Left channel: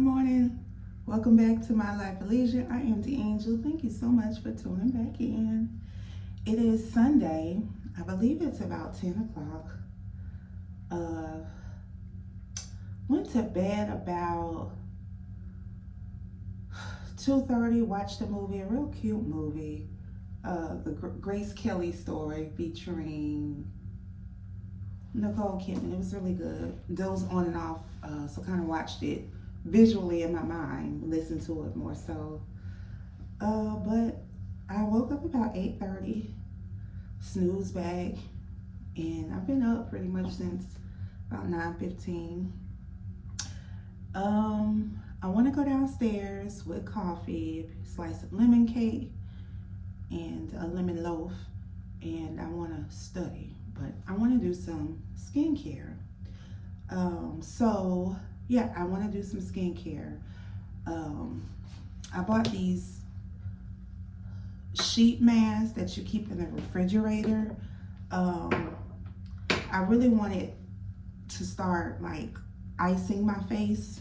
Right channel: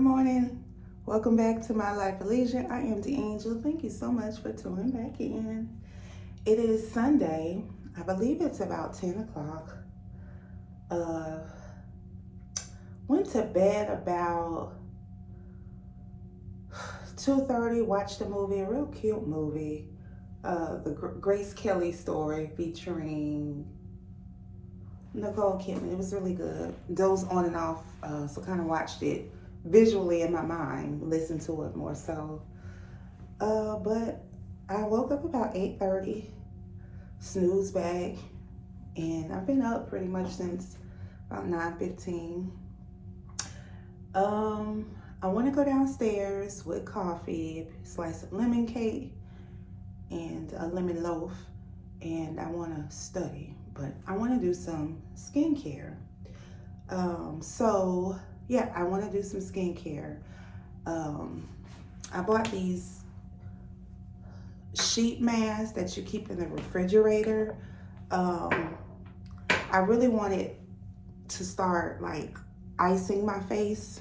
morning. Welcome back to My Life of Leisure. I am the Angel. Thank you so much for tuning back in. It is Sunday. I believe it's about 10 o'clock. Went to bed about 2:30. Watched a movie, a real cute movie. The Grace Kelly story featuring Nicole Kidman. It was really good. Dozed on and off, so kind of watched it visually in my mind, listened to it more so. But I woke up about 8:30, snooze back, and I've been up pretty much since about 9:15. I want to go downstairs with coffee, a slice of lemon cake, and a lemon loaf, and I want to study, but I want to do some skincare. So yeah, I want to do some skincare. I bought these sheet masks that you keep in the refrigerator. I really wanted to start like icing my face,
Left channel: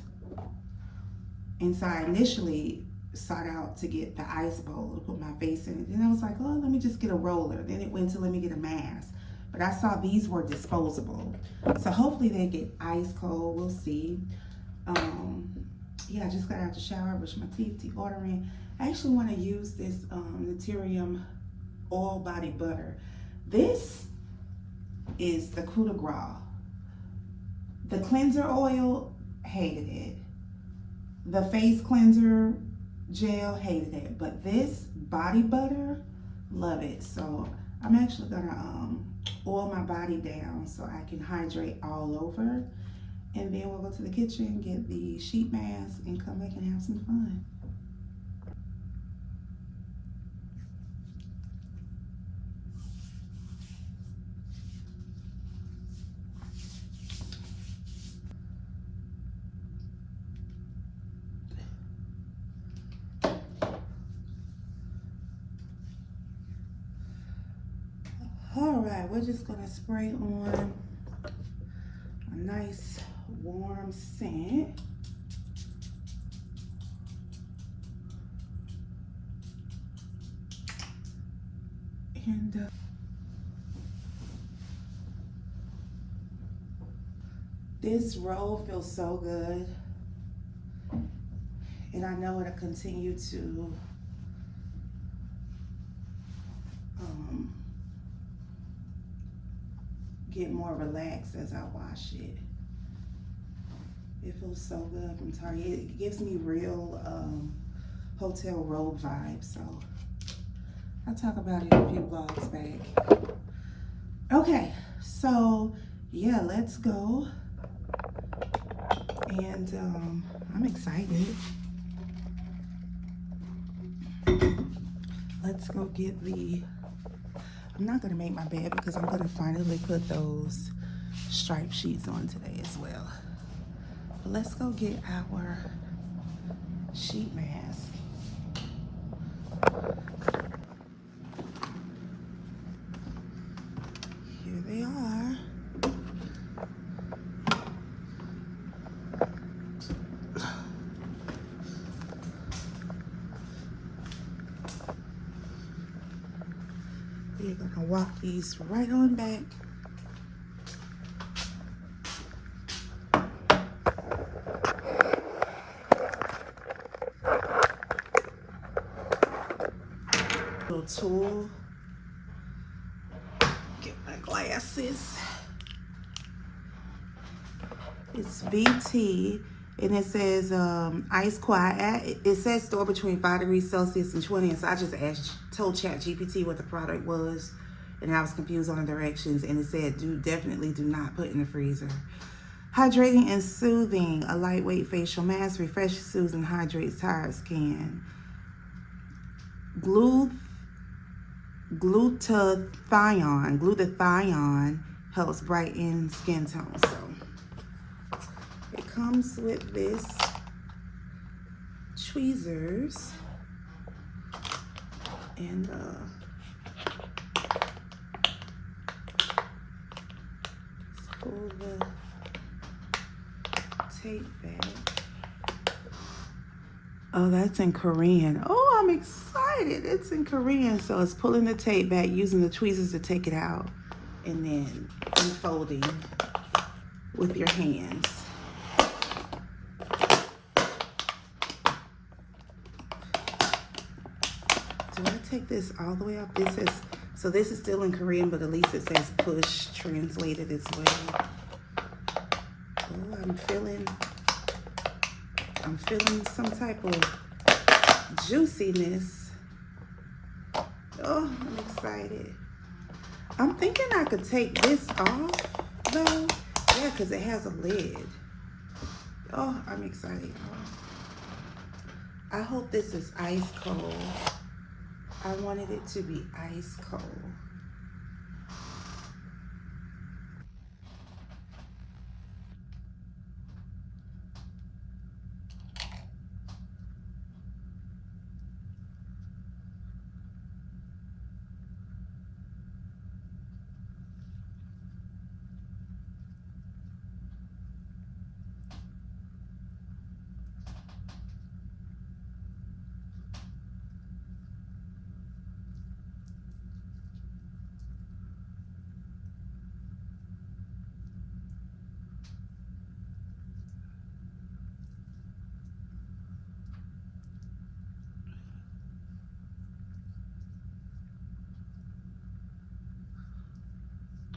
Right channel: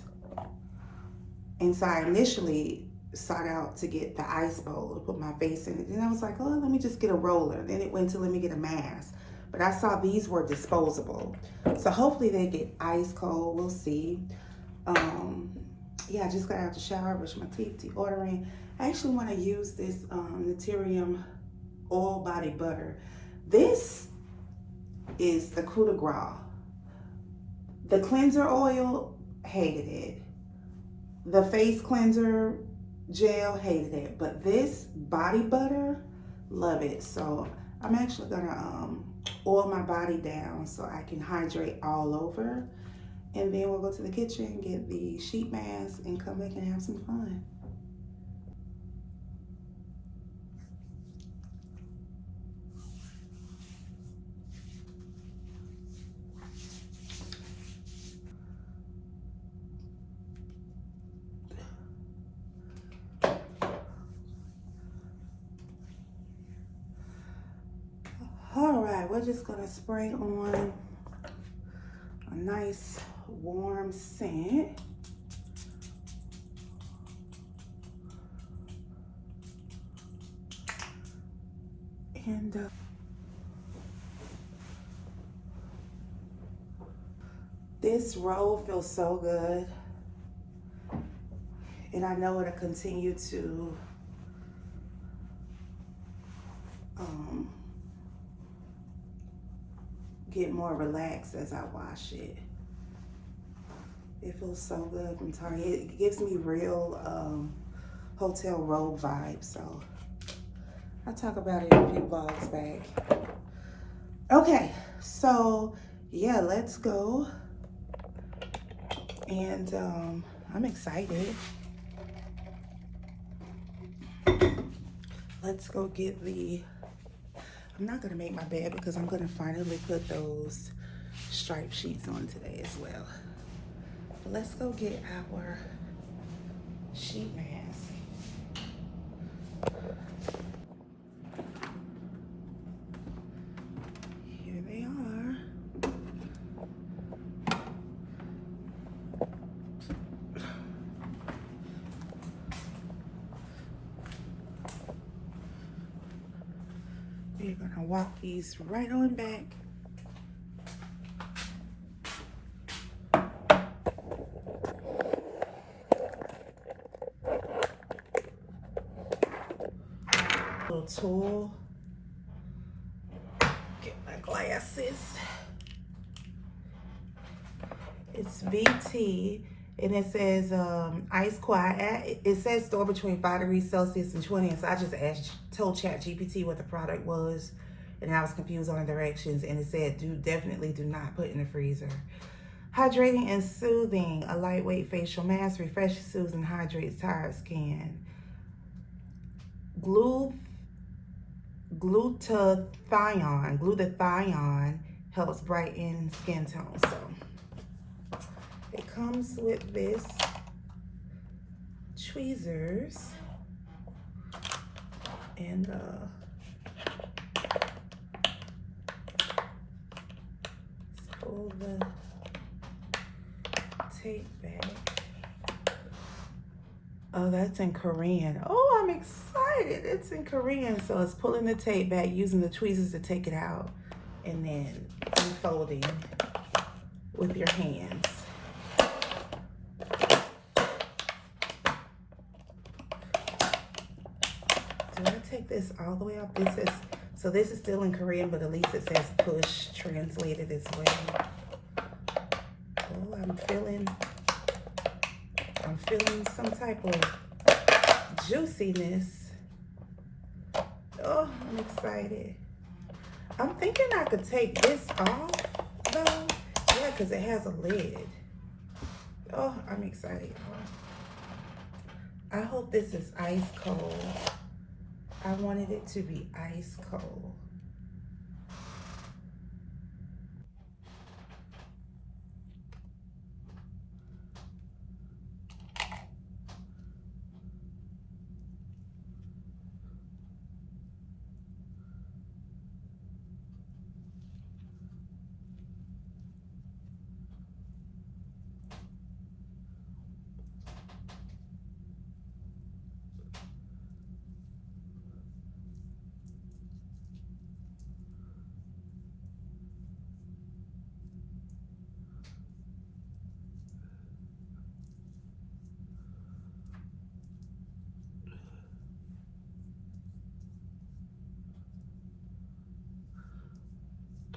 and so I initially sought out to get the ice bowl to put my face in it, and I was like, oh, let me just get a roller. Then it went to let me get a mask, but I saw these were disposable, so hopefully they get ice cold. We'll see. Yeah, I just got out the shower, brushed my teeth, deodorant. I actually want to use this Naturium oil body butter. This is the coup de grace. The cleanser oil, hated it. The face cleanser gel, hated it. But this body butter, love it. So I'm actually gonna oil my body down so I can hydrate all over. And then we'll go to the kitchen, get the sheet mask, and come back and have some fun. All right, we're just gonna spray on a nice warm scent. And this roll feels so good, and I know it'll continue to get more relaxed as I wash it. It feels so good from Target. It gives me real hotel robe vibes, so I'll talk about it a few vlogs back. Okay, so yeah, let's go. And I'm excited. Let's go get the, I'm not gonna make my bed because I'm gonna finally put those striped sheets on today as well. But let's go get our sheet mask. Here they are. You're gonna walk these right on back. Little tool. Get my glasses. It's VT, and it says ice quiet. It says store between 5 degrees Celsius and 20. So I just told ChatGPT what the product was, and I was confused on the directions, and it said definitely do not put in the freezer. Hydrating and soothing, a lightweight facial mask, refreshes, soothes, and hydrates tired skin. Glutathione helps brighten skin tone. So it comes with this tweezers and let's pull the tape back. Oh, that's in Korean. Oh, I'm excited. It's in Korean. So it's pulling the tape back, using the tweezers to take it out, and then unfolding with your hands. Do I take this all the way up? This is, so this is still in Korean, but at least it says push translated as well. Oh, I'm feeling some type of juiciness. Oh, I'm excited. I'm thinking I could take this off though. Yeah, because it has a lid. Oh, I'm excited. I hope this is ice cold. I wanted it to be ice cold.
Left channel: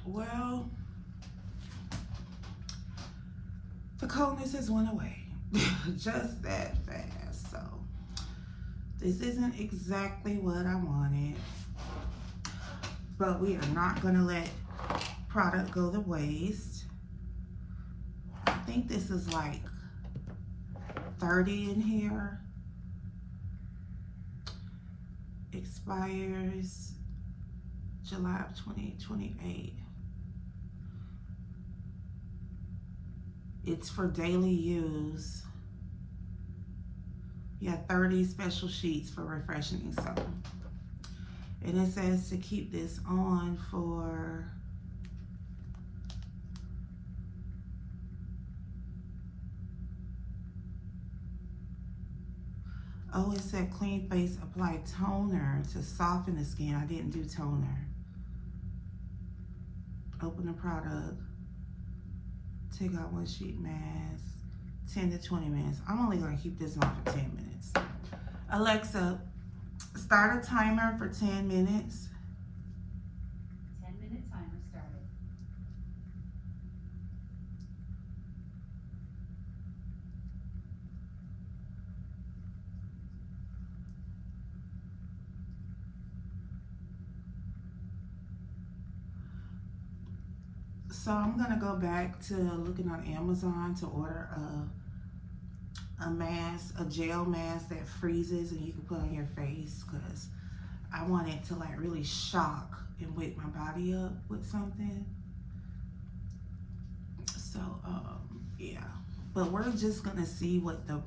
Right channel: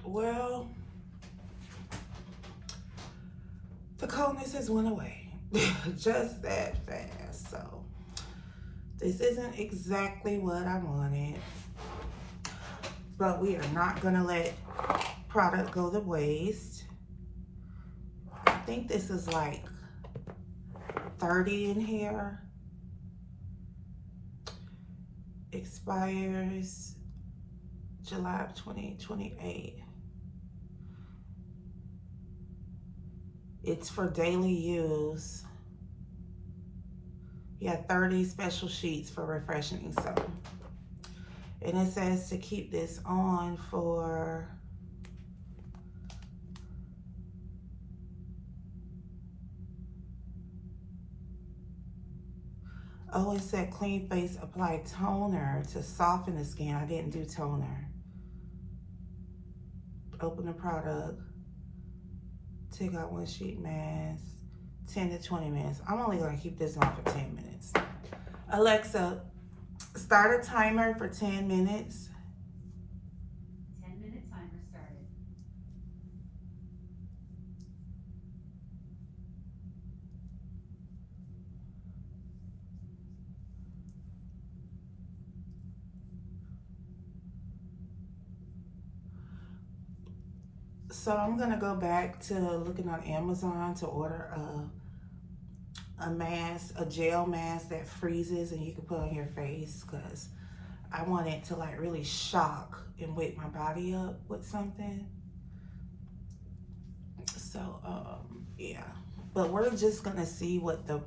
Well, the coldness has went away just that fast. So this isn't exactly what I wanted, but we are not gonna let product go to waste. I think this is like 30 in here. Expires July of 2028. It's for daily use. Yeah, 30 special sheets for refreshing soap. And it says to keep this on for oh, it said clean face, apply toner to soften the skin. I didn't do toner. Open the product. Take out one sheet mask. 10 to 20 minutes. I'm only gonna keep this on for 10 minutes. Alexa, start a timer for 10 minutes. 10-minute timer started. So I'm gonna go back to looking on Amazon to order a mask, a gel mask that freezes and you can put on your face, because I want it to like really shock and wake my body up with something. So yeah, but we're just gonna see what the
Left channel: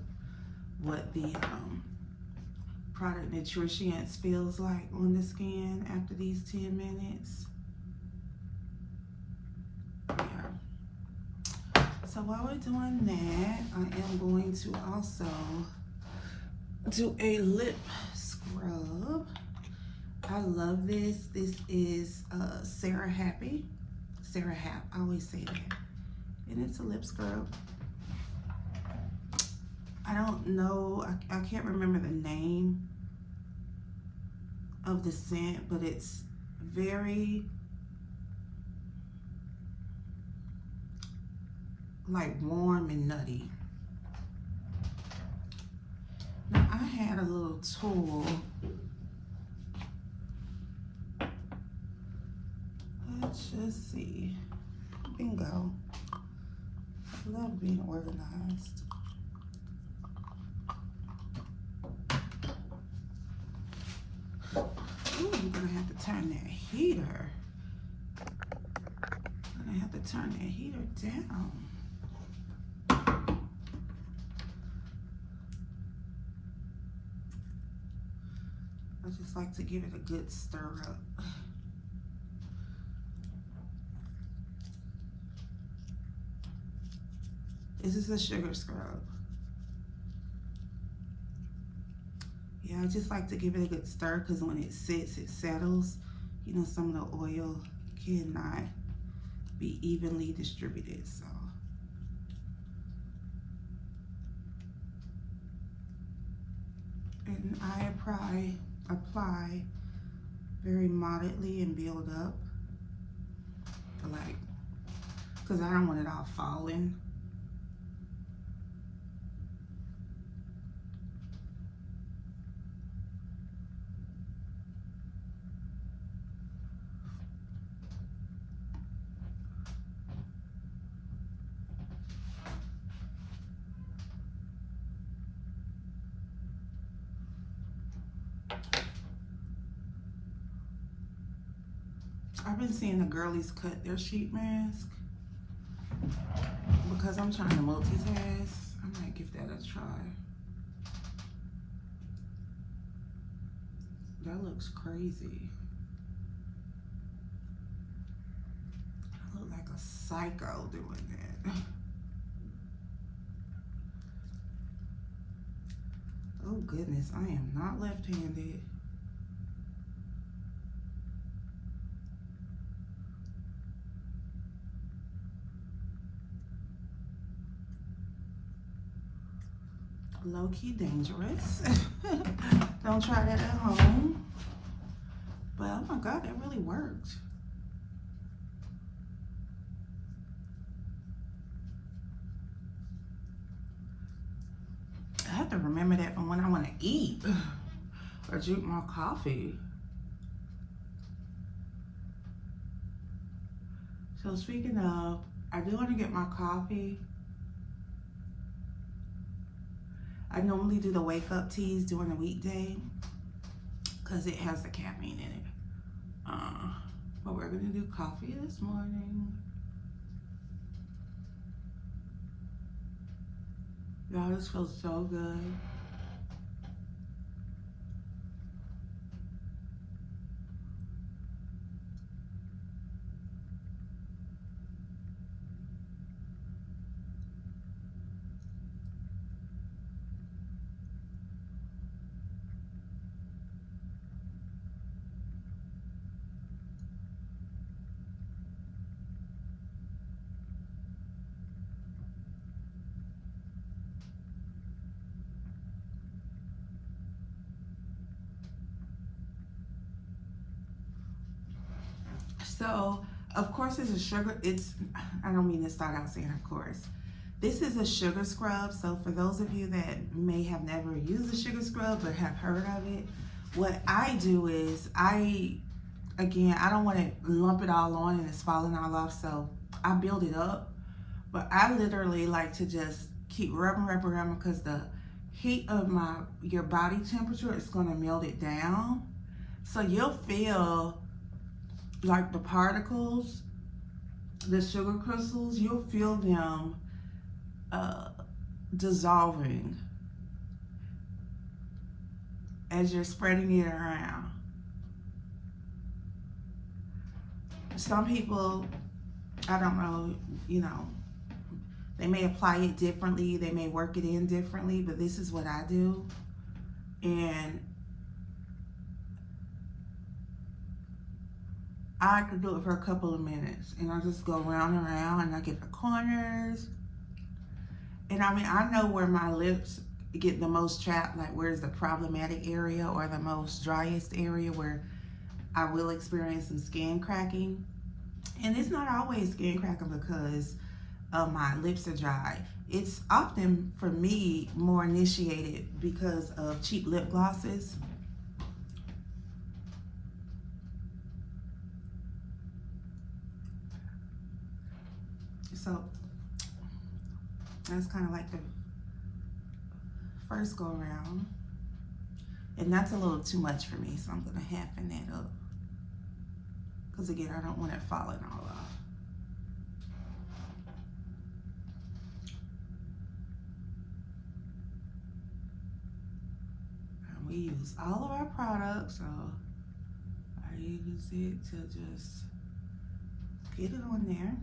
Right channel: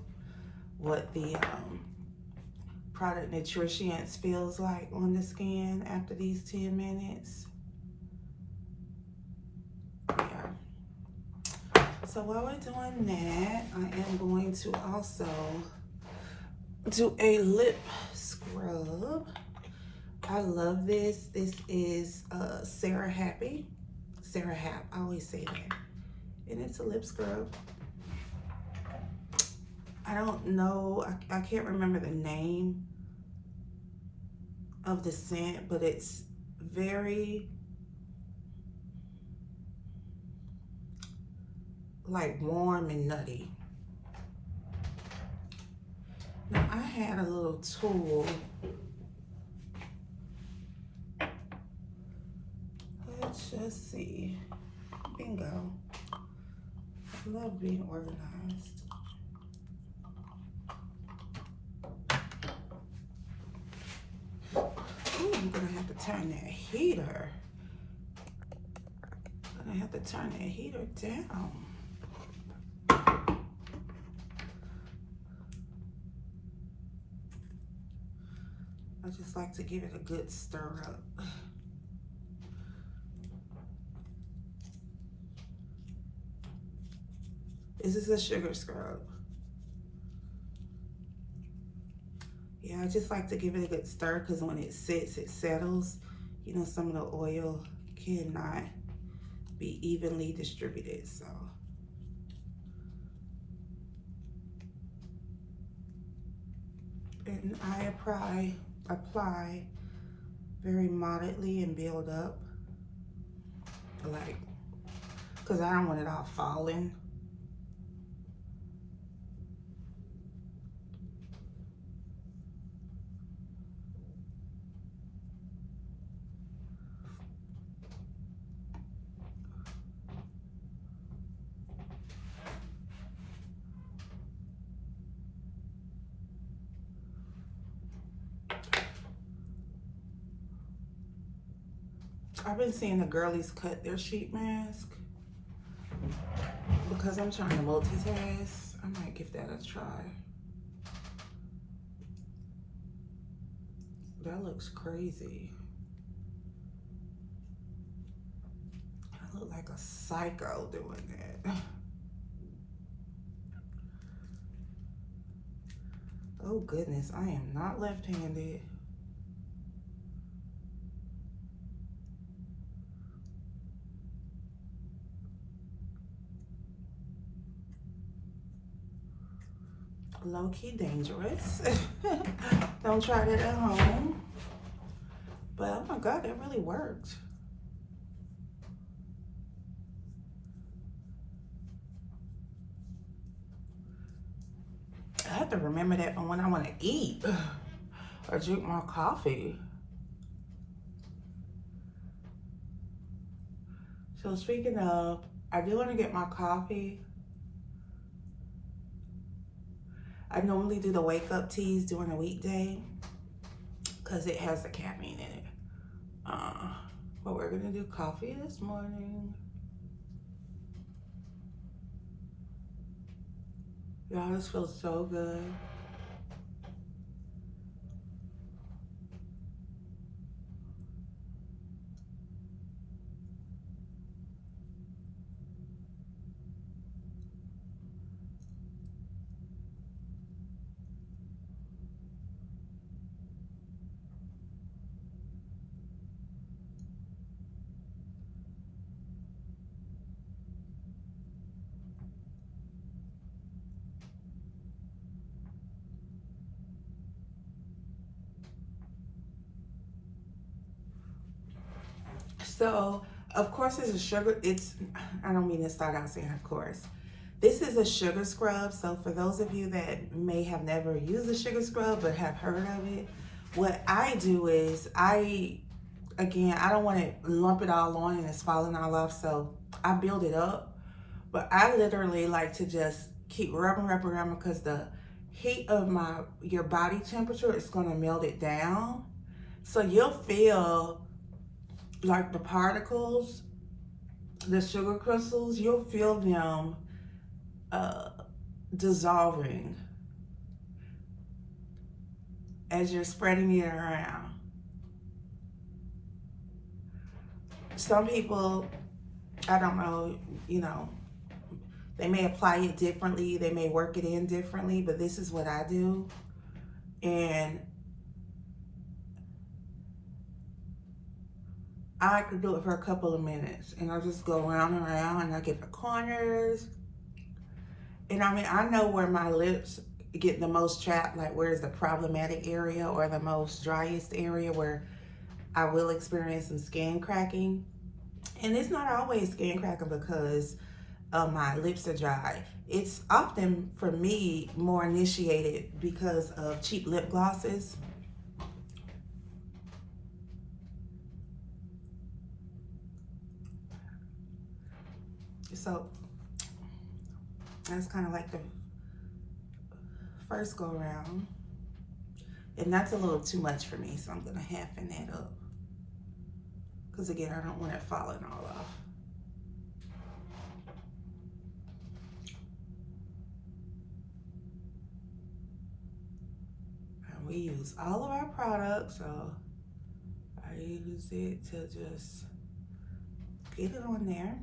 product nutrients feels like on the skin after these 10 minutes. Yeah. So while we're doing that, I am going to also do a lip scrub. I love this. This is Sarah Happy. Sarah Hap, I always say that. And it's a lip scrub. I don't know, I can't remember the name of the scent, but it's very like warm and nutty. Now I had a little tool. Let's just see. Bingo. I love being organized. Ooh, I'm gonna have to turn that heater. I'm gonna have to turn that heater down. I just like to give it a good stir up. This is a sugar scrub. Yeah, I just like to give it a good stir because when it sits, it settles. You know, some of the oil cannot be evenly distributed, so. And I apply very moderately and build up, like, because I don't want it all falling. I've been seeing the girlies cut their sheet mask because I'm trying to multitask. I might give that a try. That looks crazy. I look like a psycho doing that. Oh goodness, I am not left-handed. Low-key dangerous. Don't try that at home. But oh my God, it really worked. I have to remember that from when I want to eat or drink more coffee. So speaking of, I do want to get my coffee. I normally do the wake up teas during a weekday because it has the caffeine in it. But we're gonna do coffee this morning. Y'all, this feels so good. So, of course, it's a sugar. I don't mean to start out saying of course. This is a sugar scrub. So for those of you that may have never used a sugar scrub but have heard of it, what I do is again, I don't want to lump it all on and it's falling all off. So I build it up, but I literally like to just keep rubbing because the heat of your body temperature is going to melt it down. So you'll feel like the particles, the sugar crystals, you'll feel them dissolving as you're spreading it around. Some people, I don't know, you know, they may apply it differently, they may work it in differently, but this is what I do. And I could do it for a couple of minutes and I'll just go around and around and I get the corners. And I mean, I know where my lips get the most chapped, like where's the problematic area or the most driest area where I will experience some skin cracking. And it's not always skin cracking because my lips are dry. It's often, for me, more initiated because of cheap lip glosses. So that's kind of like the first go around. And that's a little too much for me, so I'm gonna halfen that up. Because again, I don't want it falling all off. And we use all of our products, so I use it to just get it on there.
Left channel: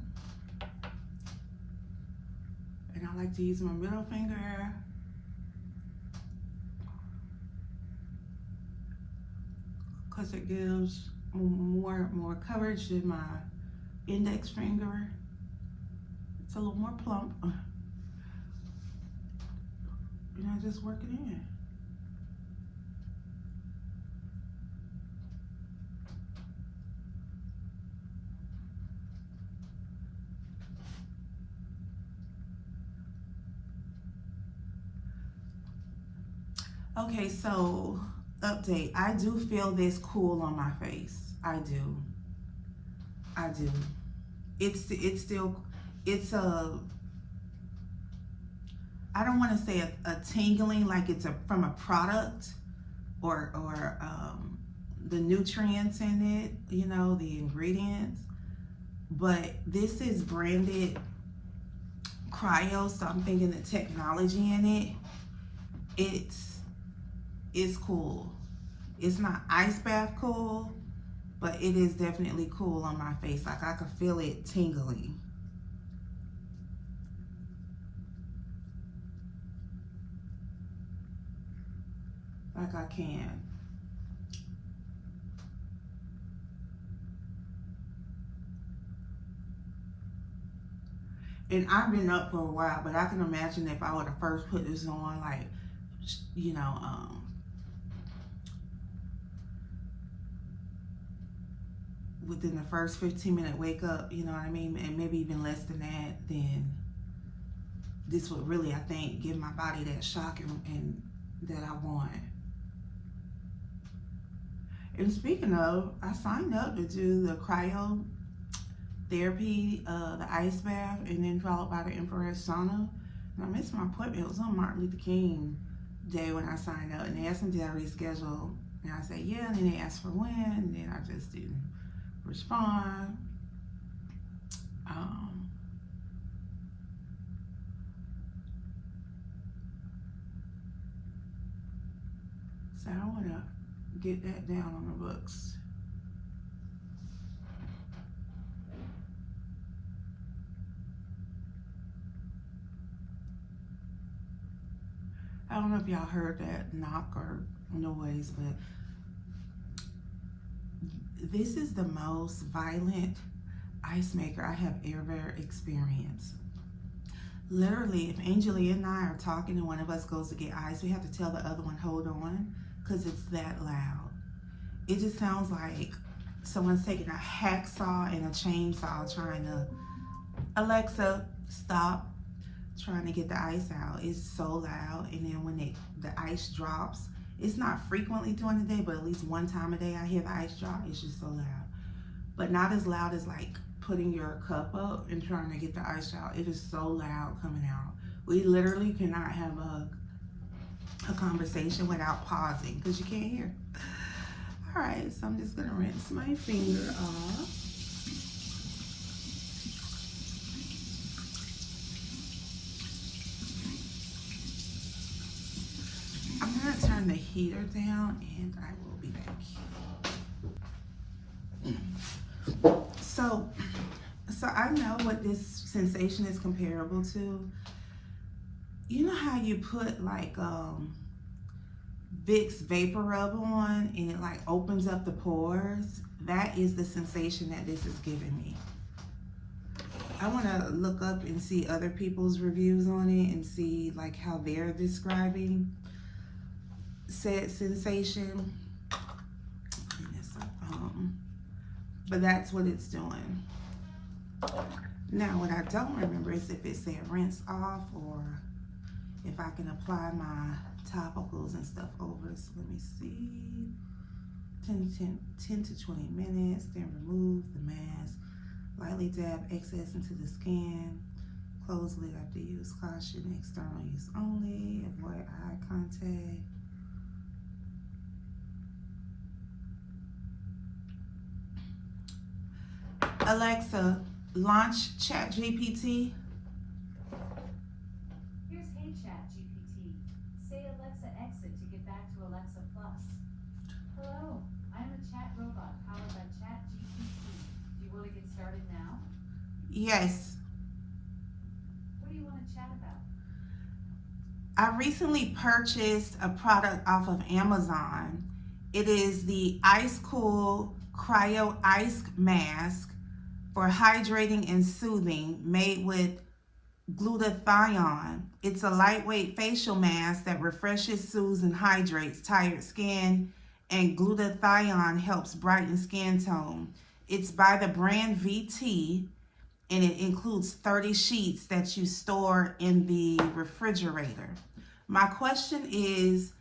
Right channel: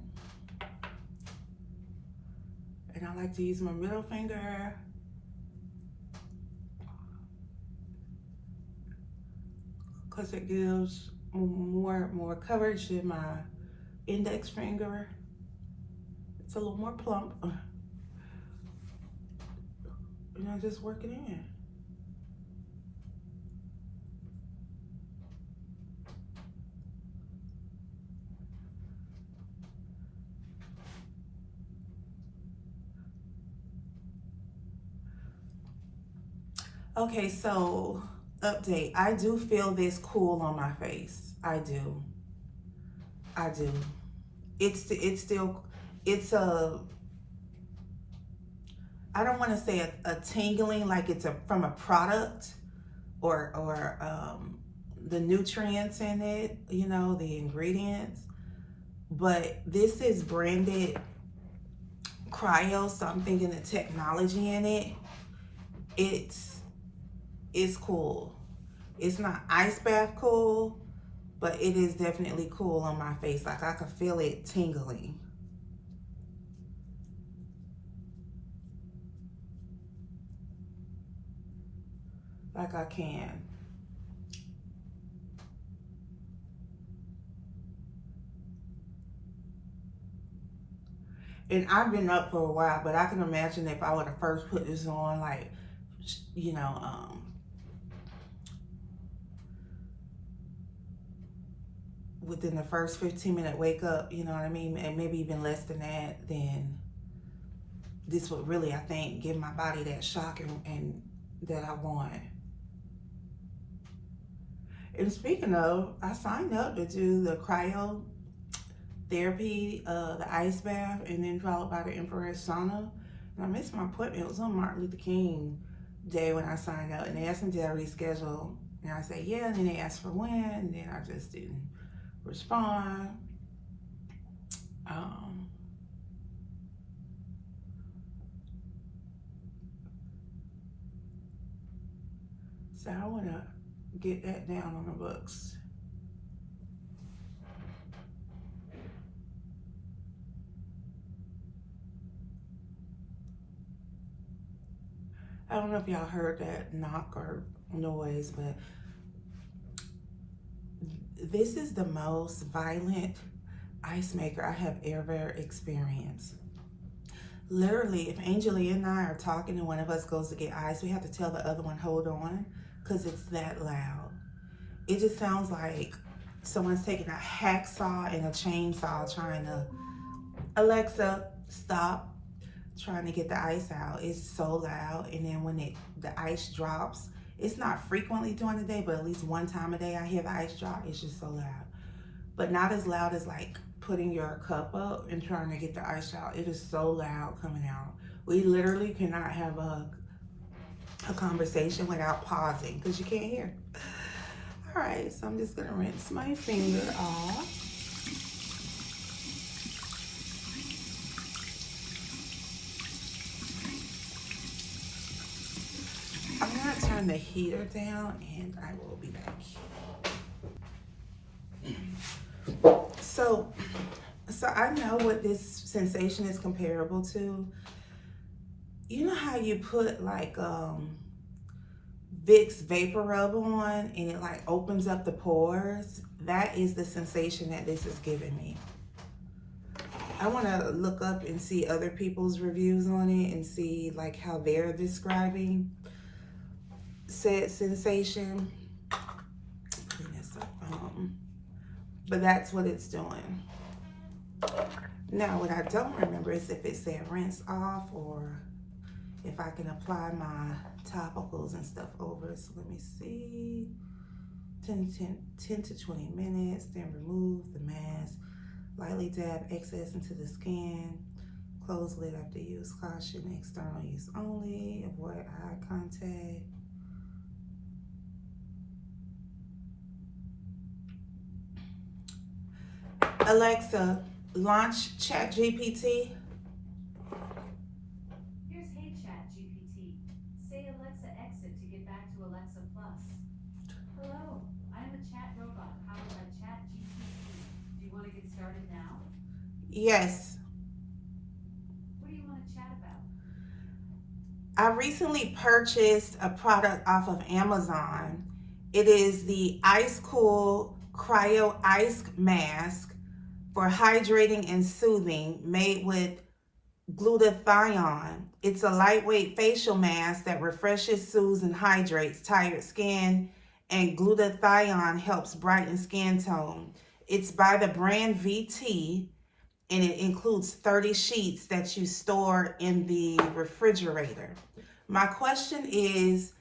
And I like to use my middle finger because it gives more coverage than my index finger. It's a little more plump. And I just work it in. Okay, so update. I do feel this cool on my face. I do. I do. It's still, it's a, I don't want to say a tingling like it's from a product or the nutrients in it, you know, the ingredients. But this is branded Cryo, so I'm thinking the technology in it, it's cool. It's not ice bath cool, but it is definitely cool on my face. Like I can feel it tingling. Like I can. And I've been up for a while, but I can imagine if I would have first put this on, like, you know, within the first 15-minute wake up, you know what I mean, and maybe even less than that, then this would really, I think, give my body that shock and that I want. And speaking of, I signed up to do the cryo therapy, the ice bath, and then followed by the infrared sauna. And I missed my appointment. It was on Martin Luther King Day when I signed up, and they asked me did I reschedule, and I said yeah, and then they asked for when, and then I just didn't respond. So I want to get that down on the books. I don't know if y'all heard that knock or noise, but this is the most violent ice maker I have ever experienced. Literally, if Angelia and I are talking and one of us goes to get ice, we have to tell the other one, hold on, because it's that loud. It just sounds like someone's taking a hacksaw and a chainsaw trying to, Alexa, stop, trying to get the ice out. It's so loud. And then when the ice drops, it's not frequently during the day, but at least one time a day I hear the ice drop. It's just so loud. But not as loud as like putting your cup up and trying to get the ice out. It is so loud coming out. We literally cannot have a conversation without pausing because you can't hear. All right, so I'm just gonna rinse my finger off. I'm gonna turn the heater down and I will be back. So I know what this sensation is comparable to. You know how you put like Vicks Vapor Rub on and it like opens up the pores? That is the sensation that this is giving me. I want to look up and see other people's reviews on it and see like how they're describing said sensation. Putting this up, but that's what it's doing. Now, what I don't remember is if it said rinse off or if I can apply my topicals and stuff over. So let me see. 10 to 20 minutes, then remove the mask. Lightly dab excess into the skin. Close lid after use. Caution, external use only. Avoid eye contact. Alexa, launch ChatGPT. Here's Hey ChatGPT. Say Alexa exit to get back to Alexa Plus. Hello, I'm a chat robot powered by ChatGPT. Do you want to get started now? Yes. What do you want to chat about? I recently purchased a product off of Amazon It is the Ice Cool Cryo Ice Mask for hydrating and soothing, made with glutathione. It's a lightweight facial mask that refreshes, soothes, and hydrates tired skin, and glutathione helps brighten skin tone. It's by the brand VT, and it includes 30 sheets that you store in the refrigerator. My question is,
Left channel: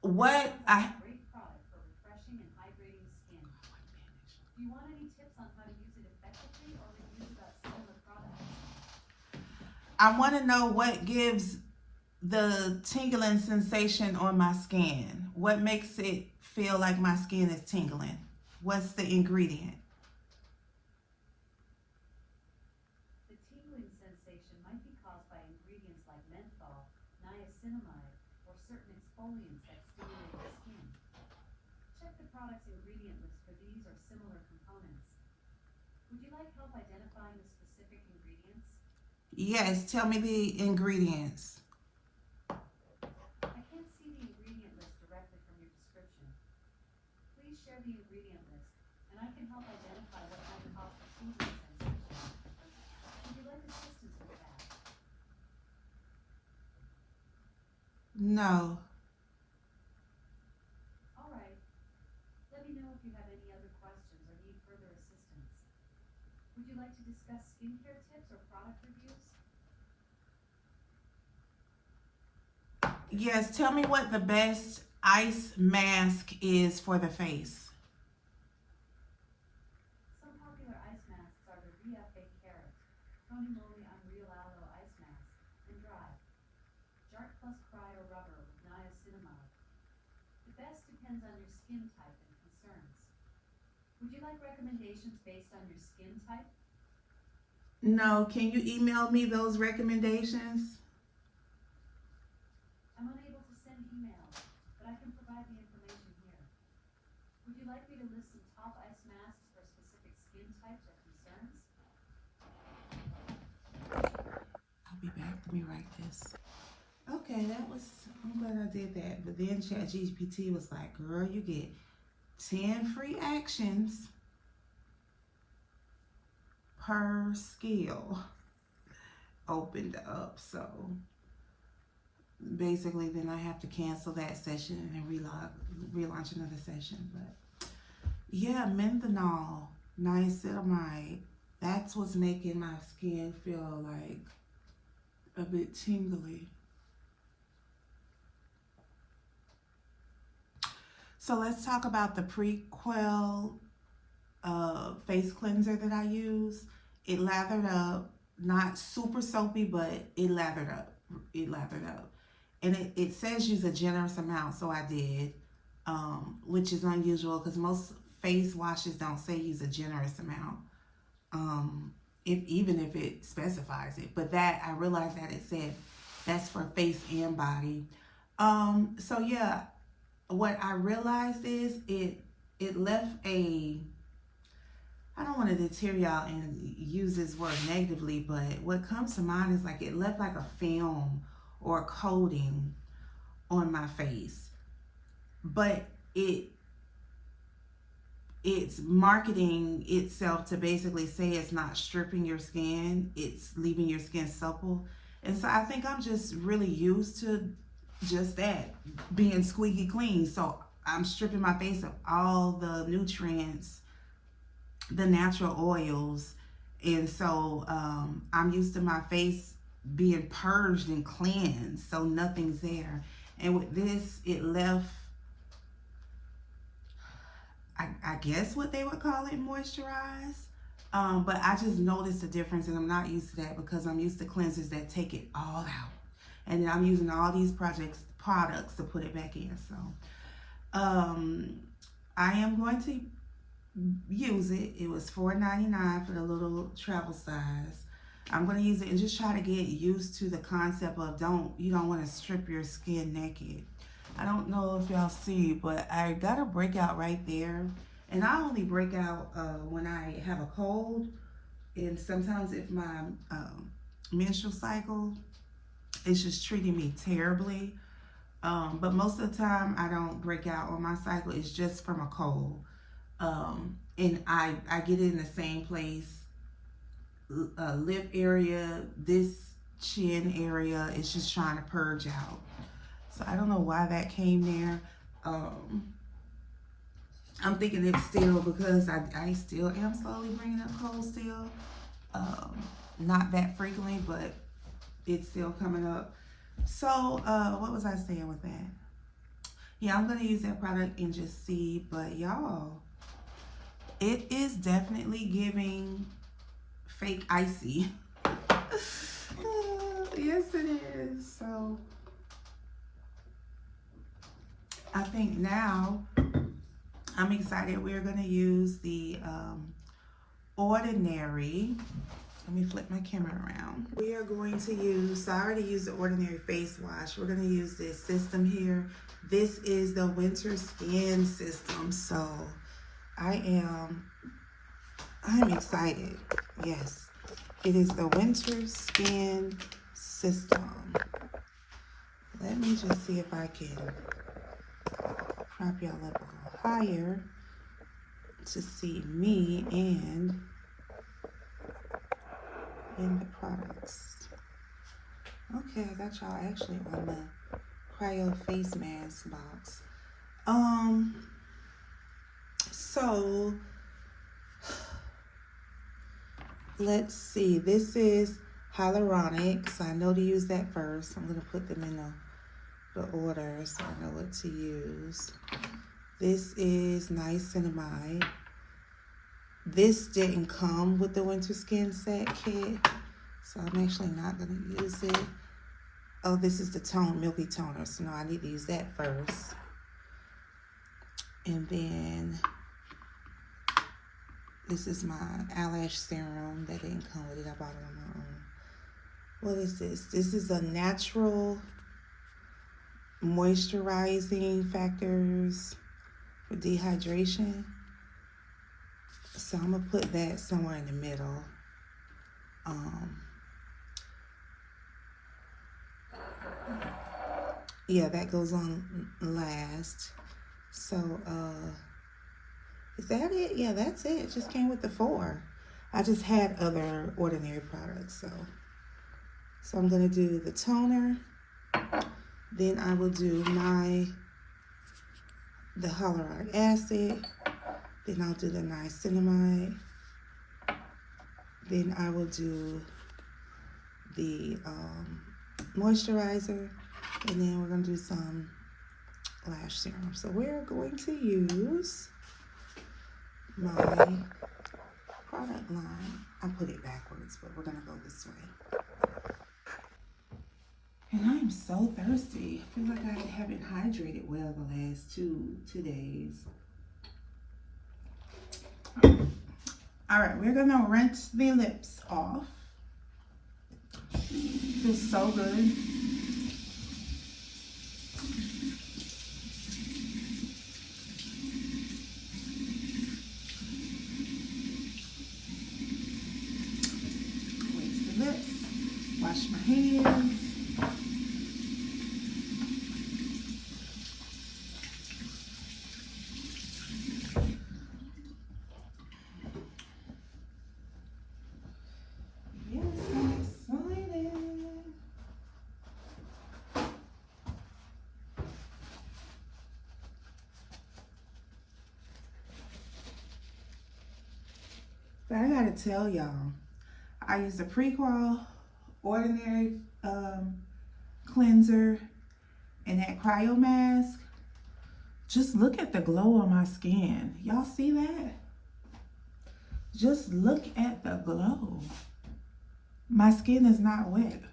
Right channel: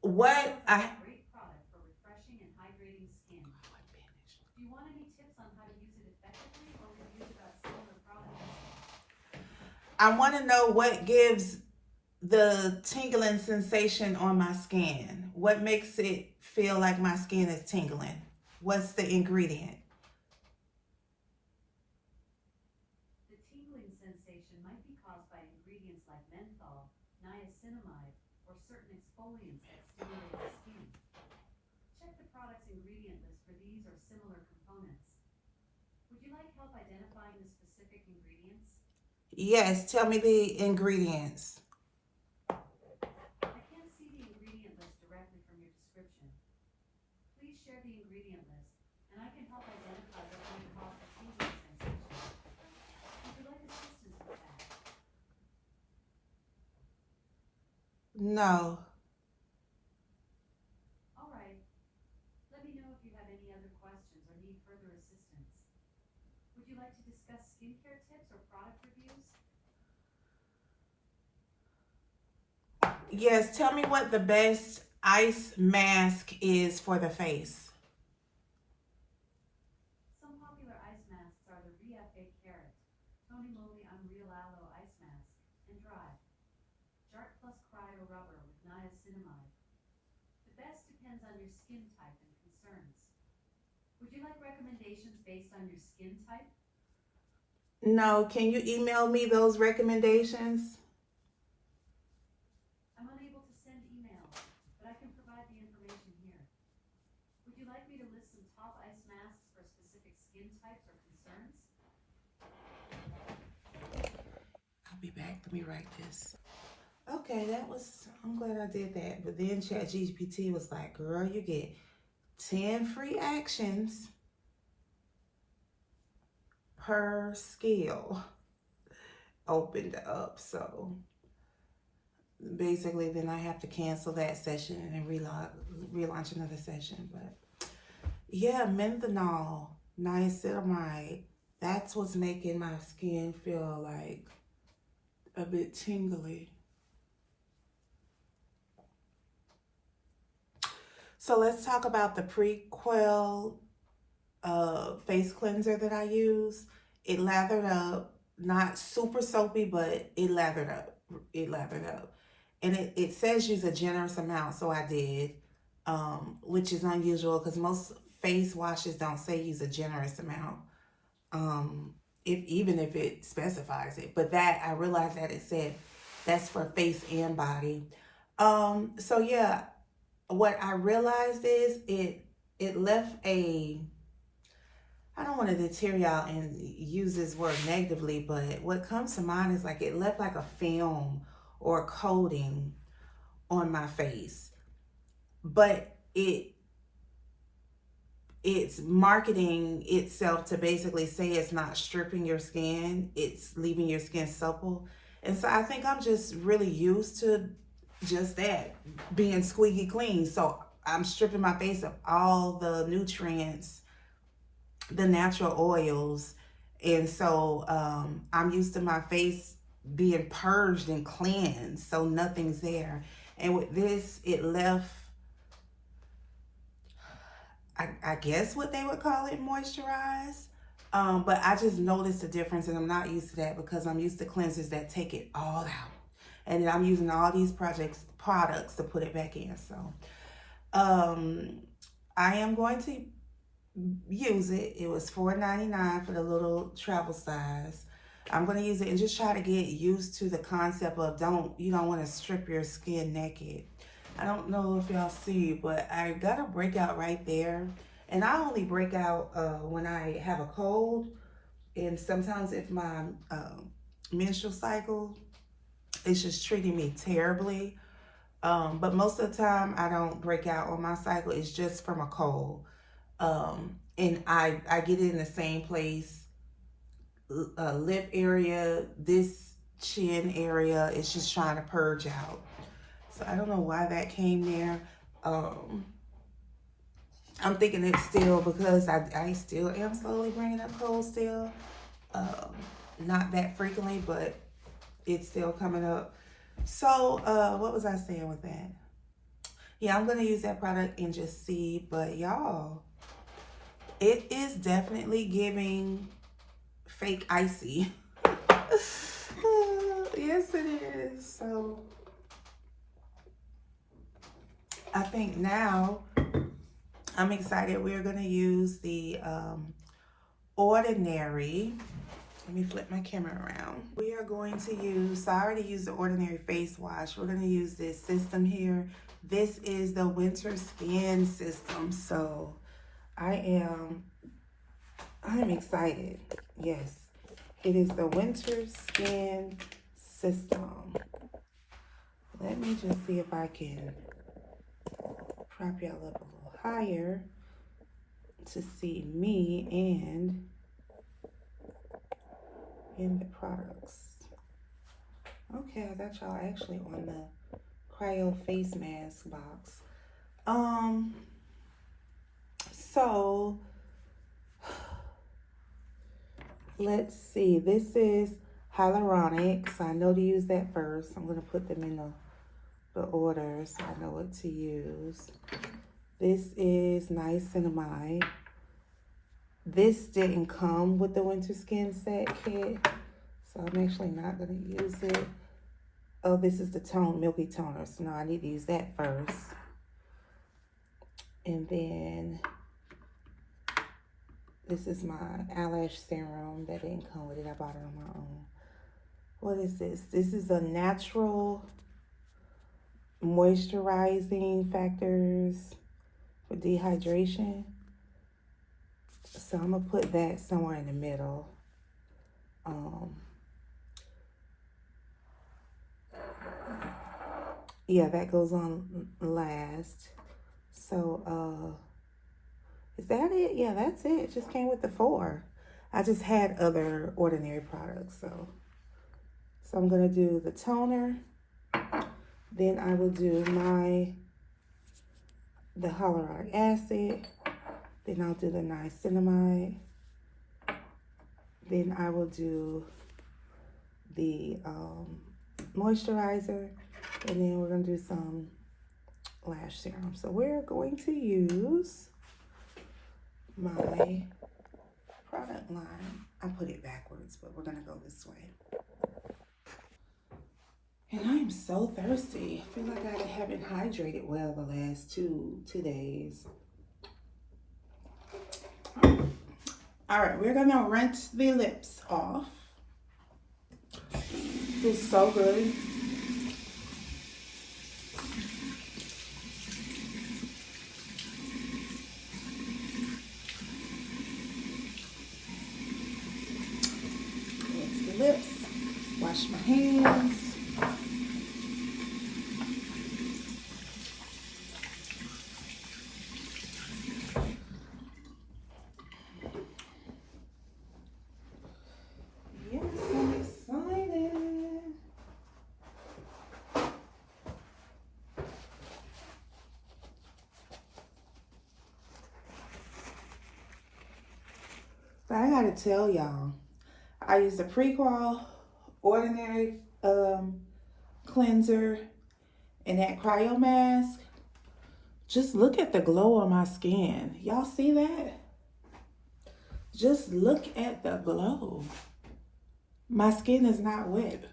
what I Great product for refreshing and hydrating skin. Do you want any tips on how to use it effectively or reviews about similar products? I want to know what gives the tingling sensation on my skin. What makes it feel like my skin is tingling? What's the ingredient? The tingling sensation might be caused by ingredients like menthol, niacinamide, or certain exfoliants that stimulate the skin. Check the product's ingredient list for these or similar components. Would you like help identifying the specific ingredients? Yes, tell me the ingredients. I can't see the ingredient list directly from your description. Please share the ingredient list, and I can help identify what may cause the tingling sensation. Would you like assistance with that? No. All right. Let me know if you have any other questions or need further assistance. Would you like to discuss skincare tips or product reviews? Yes, tell me what the best ice mask is for the face. Some popular ice masks are the Riafe Carrot, Tony Moly Unreal Aloe Ice Mask, and Dry, Jart Plus Cryo Rubber with niacinamide. The best depends on your skin type and concerns. Would you like recommendations based on your skin type? No, can you email me those recommendations? I'm unable to send emails, but I can provide the information here. Would you like me to list some top ice masks for specific skin types or concerns? I'll be back. Let me write this. Okay, I'm glad I did that. But then ChatGPT was like, girl, you get 10 free actions per skill opened up. So basically, then I have to cancel that session and then relaunch another session. But yeah, menthol, niacinamide, that's what's making my skin feel like a bit tingly. So let's talk about the Prequel face cleanser that I use. It lathered up, not super soapy, but it lathered up. And it says use a generous amount, so I did, which is unusual because most face washes don't say use a generous amount, even if it specifies it. But that, I realized that it said that's for face and body. So yeah, what I realized is it left a, I don't want to deter y'all and use this word negatively, but what comes to mind is like it left like a film or a coating on my face. But it's marketing itself to basically say it's not stripping your skin, it's leaving your skin supple. And so I think I'm just really used to just that, being squeaky clean. So I'm stripping my face of all the nutrients, the natural oils, and so I'm used to my face being purged and cleansed, so nothing's there. And with this, it left, I guess what they would call it, moisturized. But I just noticed the difference, and I'm not used to that because I'm used to cleansers that take it all out, and I'm using all these products to put it back in. So I am going to use it. It was $4.99 for the little travel size. I'm going to use it and just try to get used to the concept of you don't want to strip your skin naked. I don't know if y'all see, but I got a breakout right there. And I only break out when I have a cold, and sometimes if my menstrual cycle is just treating me terribly. But most of the time I don't break out on my cycle. It's just from a cold. And I get it in the same place, lip area, this chin area. It's just trying to purge out. So I don't know why that came there. I'm thinking it's still because I still am slowly bringing up cold still. Not that frequently, but it's still coming up. So what was I saying with that? Yeah, I'm going to use that product and just see. But y'all, it is definitely giving fake icy. Yes, it is. So I think now I'm excited. We're going to use the Ordinary. Let me flip my camera around. We are going to use, so I already used the Ordinary face wash. We're going to use this system here. This is the Winter Skin System. So I'm excited. Yes, it is the Winter Skin System. Let me just see if I can prop y'all up a little higher to see me and in the products. Okay, I got y'all actually on the Cryo face mask box. So let's see. This is hyaluronic, so I know to use that first. I'm gonna put them in the order so I know what to use. This is niacinamide. This didn't come with the Winter Skin Set kit, so I'm actually not going to use it. Oh, this is the Milky Toner, so no, I need to use that first. And then this is my eyelash serum that didn't come with it. I bought it on my own. What is this? This is a natural moisturizing factors for dehydration. So I'm gonna put that somewhere in the middle. Yeah, that goes on last. So is that it? Yeah, that's it. It just came with the 4. I just had other Ordinary products, so I'm gonna do the toner. Then I will do the hyaluronic acid. Then I'll do the niacinamide. Then I will do the moisturizer. And then we're going to do some lash serum. So we're going to use my product line. I put it backwards, but we're going to go this way. And I am so thirsty. I feel like I haven't hydrated well the last two days. All right, we're gonna rinse the lips off. It's so good. Rinse the lips. Wash my hands. But I gotta tell y'all, I use the Cryo Ordinary cleanser and that Cryo mask. Just look at the glow on my skin. Y'all see that? Just look at the glow. My skin is not wet.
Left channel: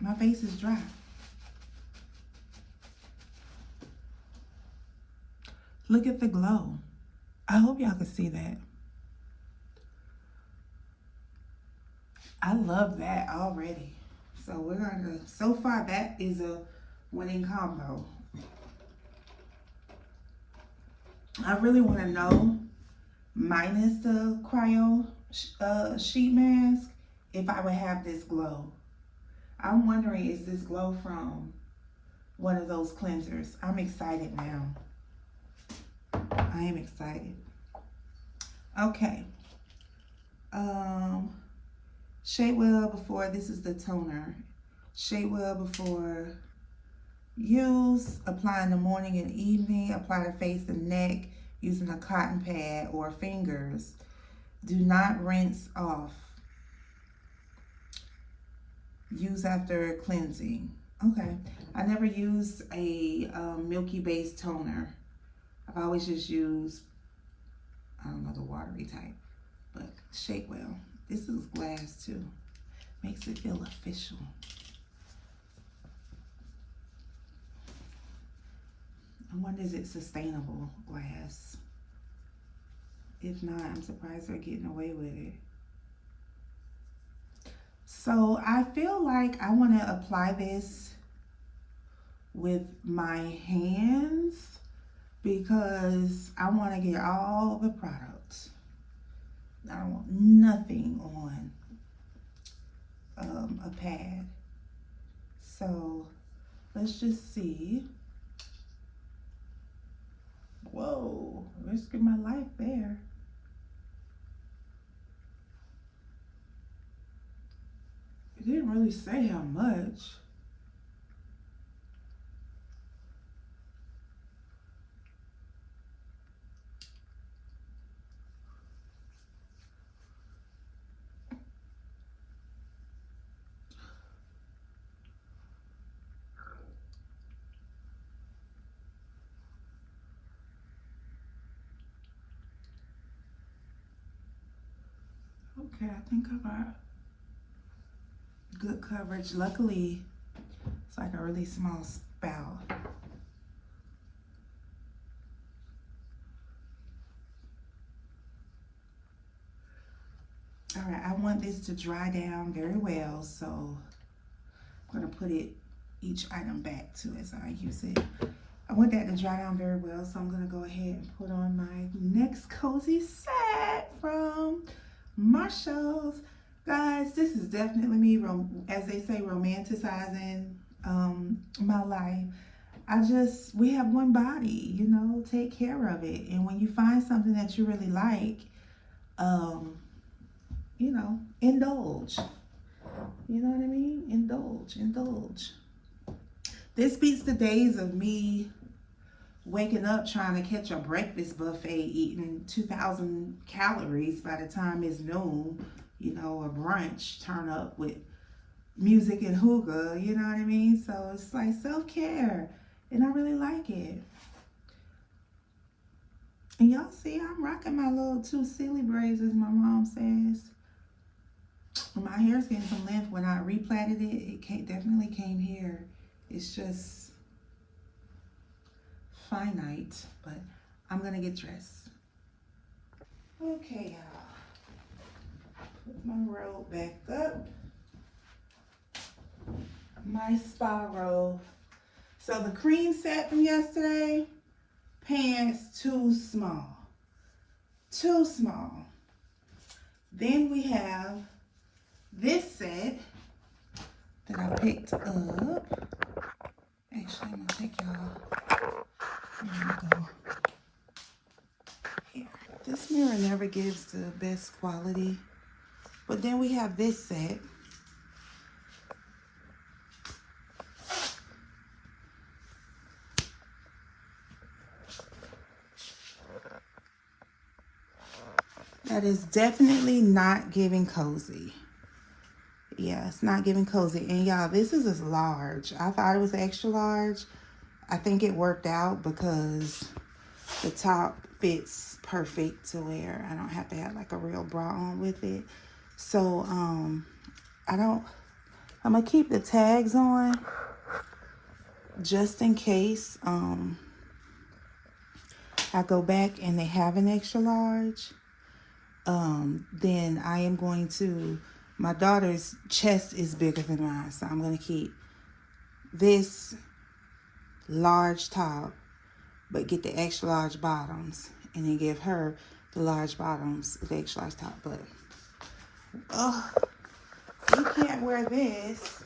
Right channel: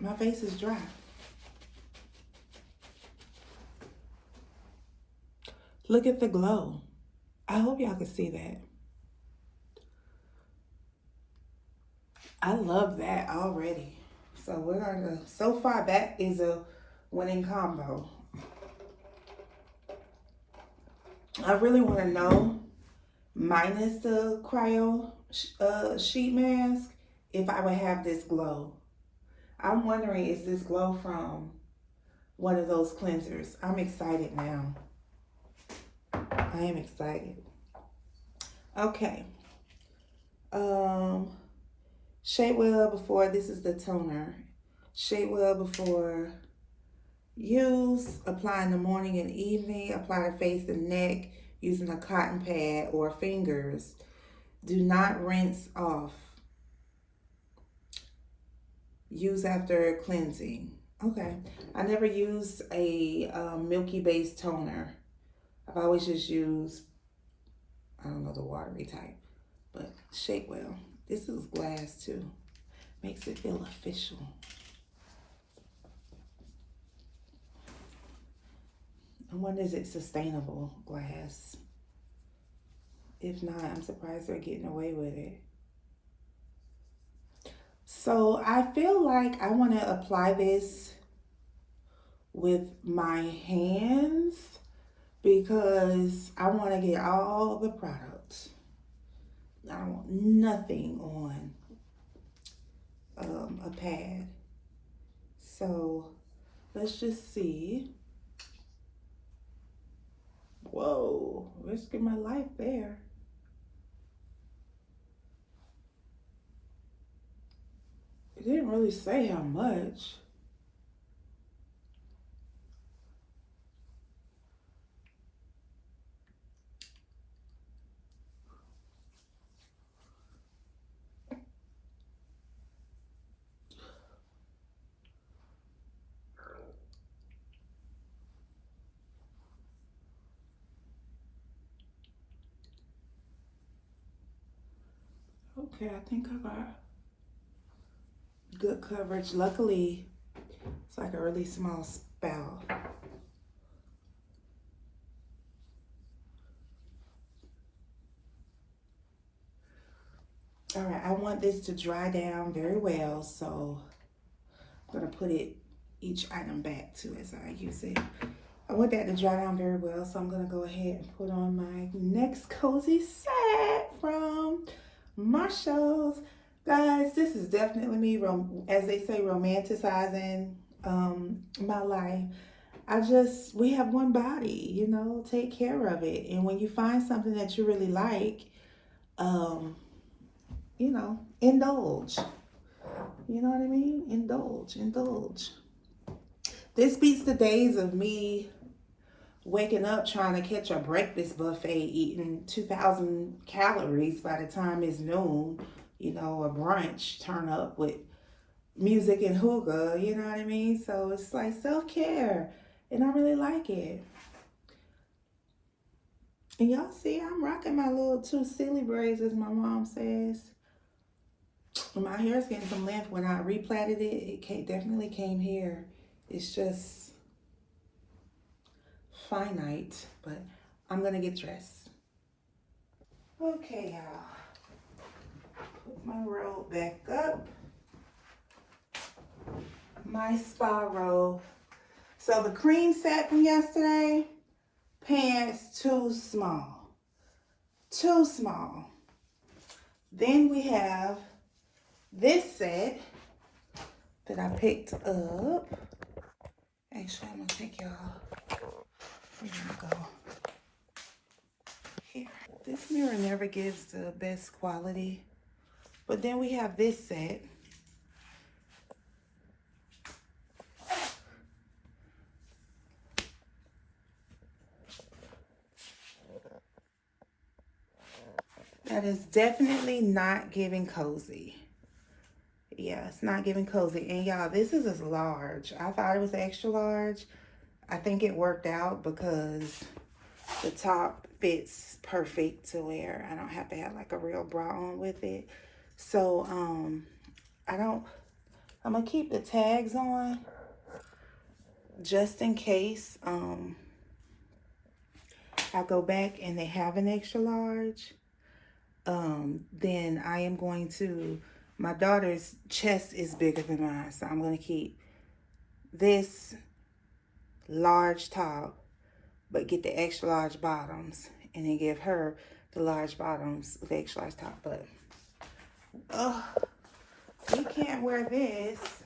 My face is dry. Look at the glow. I hope y'all can see that. I love that already. So we're gonna, so far that is a winning combo. I really want to know, minus the Cryo sheet mask, if I would have this glow. I'm wondering, is this glow from one of those cleansers. I'm excited now. I am excited. Okay. Shave well before, this is the toner. Shave well before use. Apply in the morning and evening. Apply to face and neck using a cotton pad or fingers. Do not rinse off. Use after cleansing. Okay. I never used a milky based toner. I've always just used, I don't know, the watery type. But shake well. This is glass too. Makes it feel official. I wonder, is it sustainable glass? If not, I'm surprised they're getting away with it. So I feel like I want to apply this with my hands because I want to get all the products. I don't want nothing on a pad. So let's just see. Whoa, risking my life there. It didn't really say how much. Okay, I think I got good coverage. Luckily, it's like a really small spout. All right, I want this to dry down very well, so I'm gonna put each item back to as I use it. I want that to dry down very well, so I'm gonna go ahead and put on my next cozy set from Marshall's. Guys, this is definitely me, as they say, romanticizing my life. We have one body, you know, take care of it. And when you find something that you really like, you know, indulge. You know what I mean? Indulge. This beats the days of me waking up trying to catch a breakfast buffet eating 2,000 calories by the time it's noon, you know, a brunch turn up with music and hookah, you know what I mean? So it's like self-care, and I really like it. And y'all see, I'm rocking my little two silly braids, as my mom says. My hair's getting some length. When I replatted it, definitely came here. It's just finite, but I'm gonna get dressed. Okay, y'all. Put my robe back up. My spa robe. So the cream set from yesterday, pants too small. Too small. Then we have this set that I picked up. Actually, I'm gonna take y'all. Here we go. Here. This mirror never gives the best quality. But then we have this set. That is definitely not giving cozy. Yeah, it's not giving cozy. And y'all, this is a large. I thought it was extra large. I think it worked out because the top fits perfect to where I don't have to have like a real bra on with it. So, I'm gonna keep the tags on just in case I go back and they have an extra large. Then I am going to, my daughter's chest is bigger than mine, so I'm going to keep this large top, but get the extra large bottoms, and then give her the large bottoms with the extra large top. But, we can't wear this.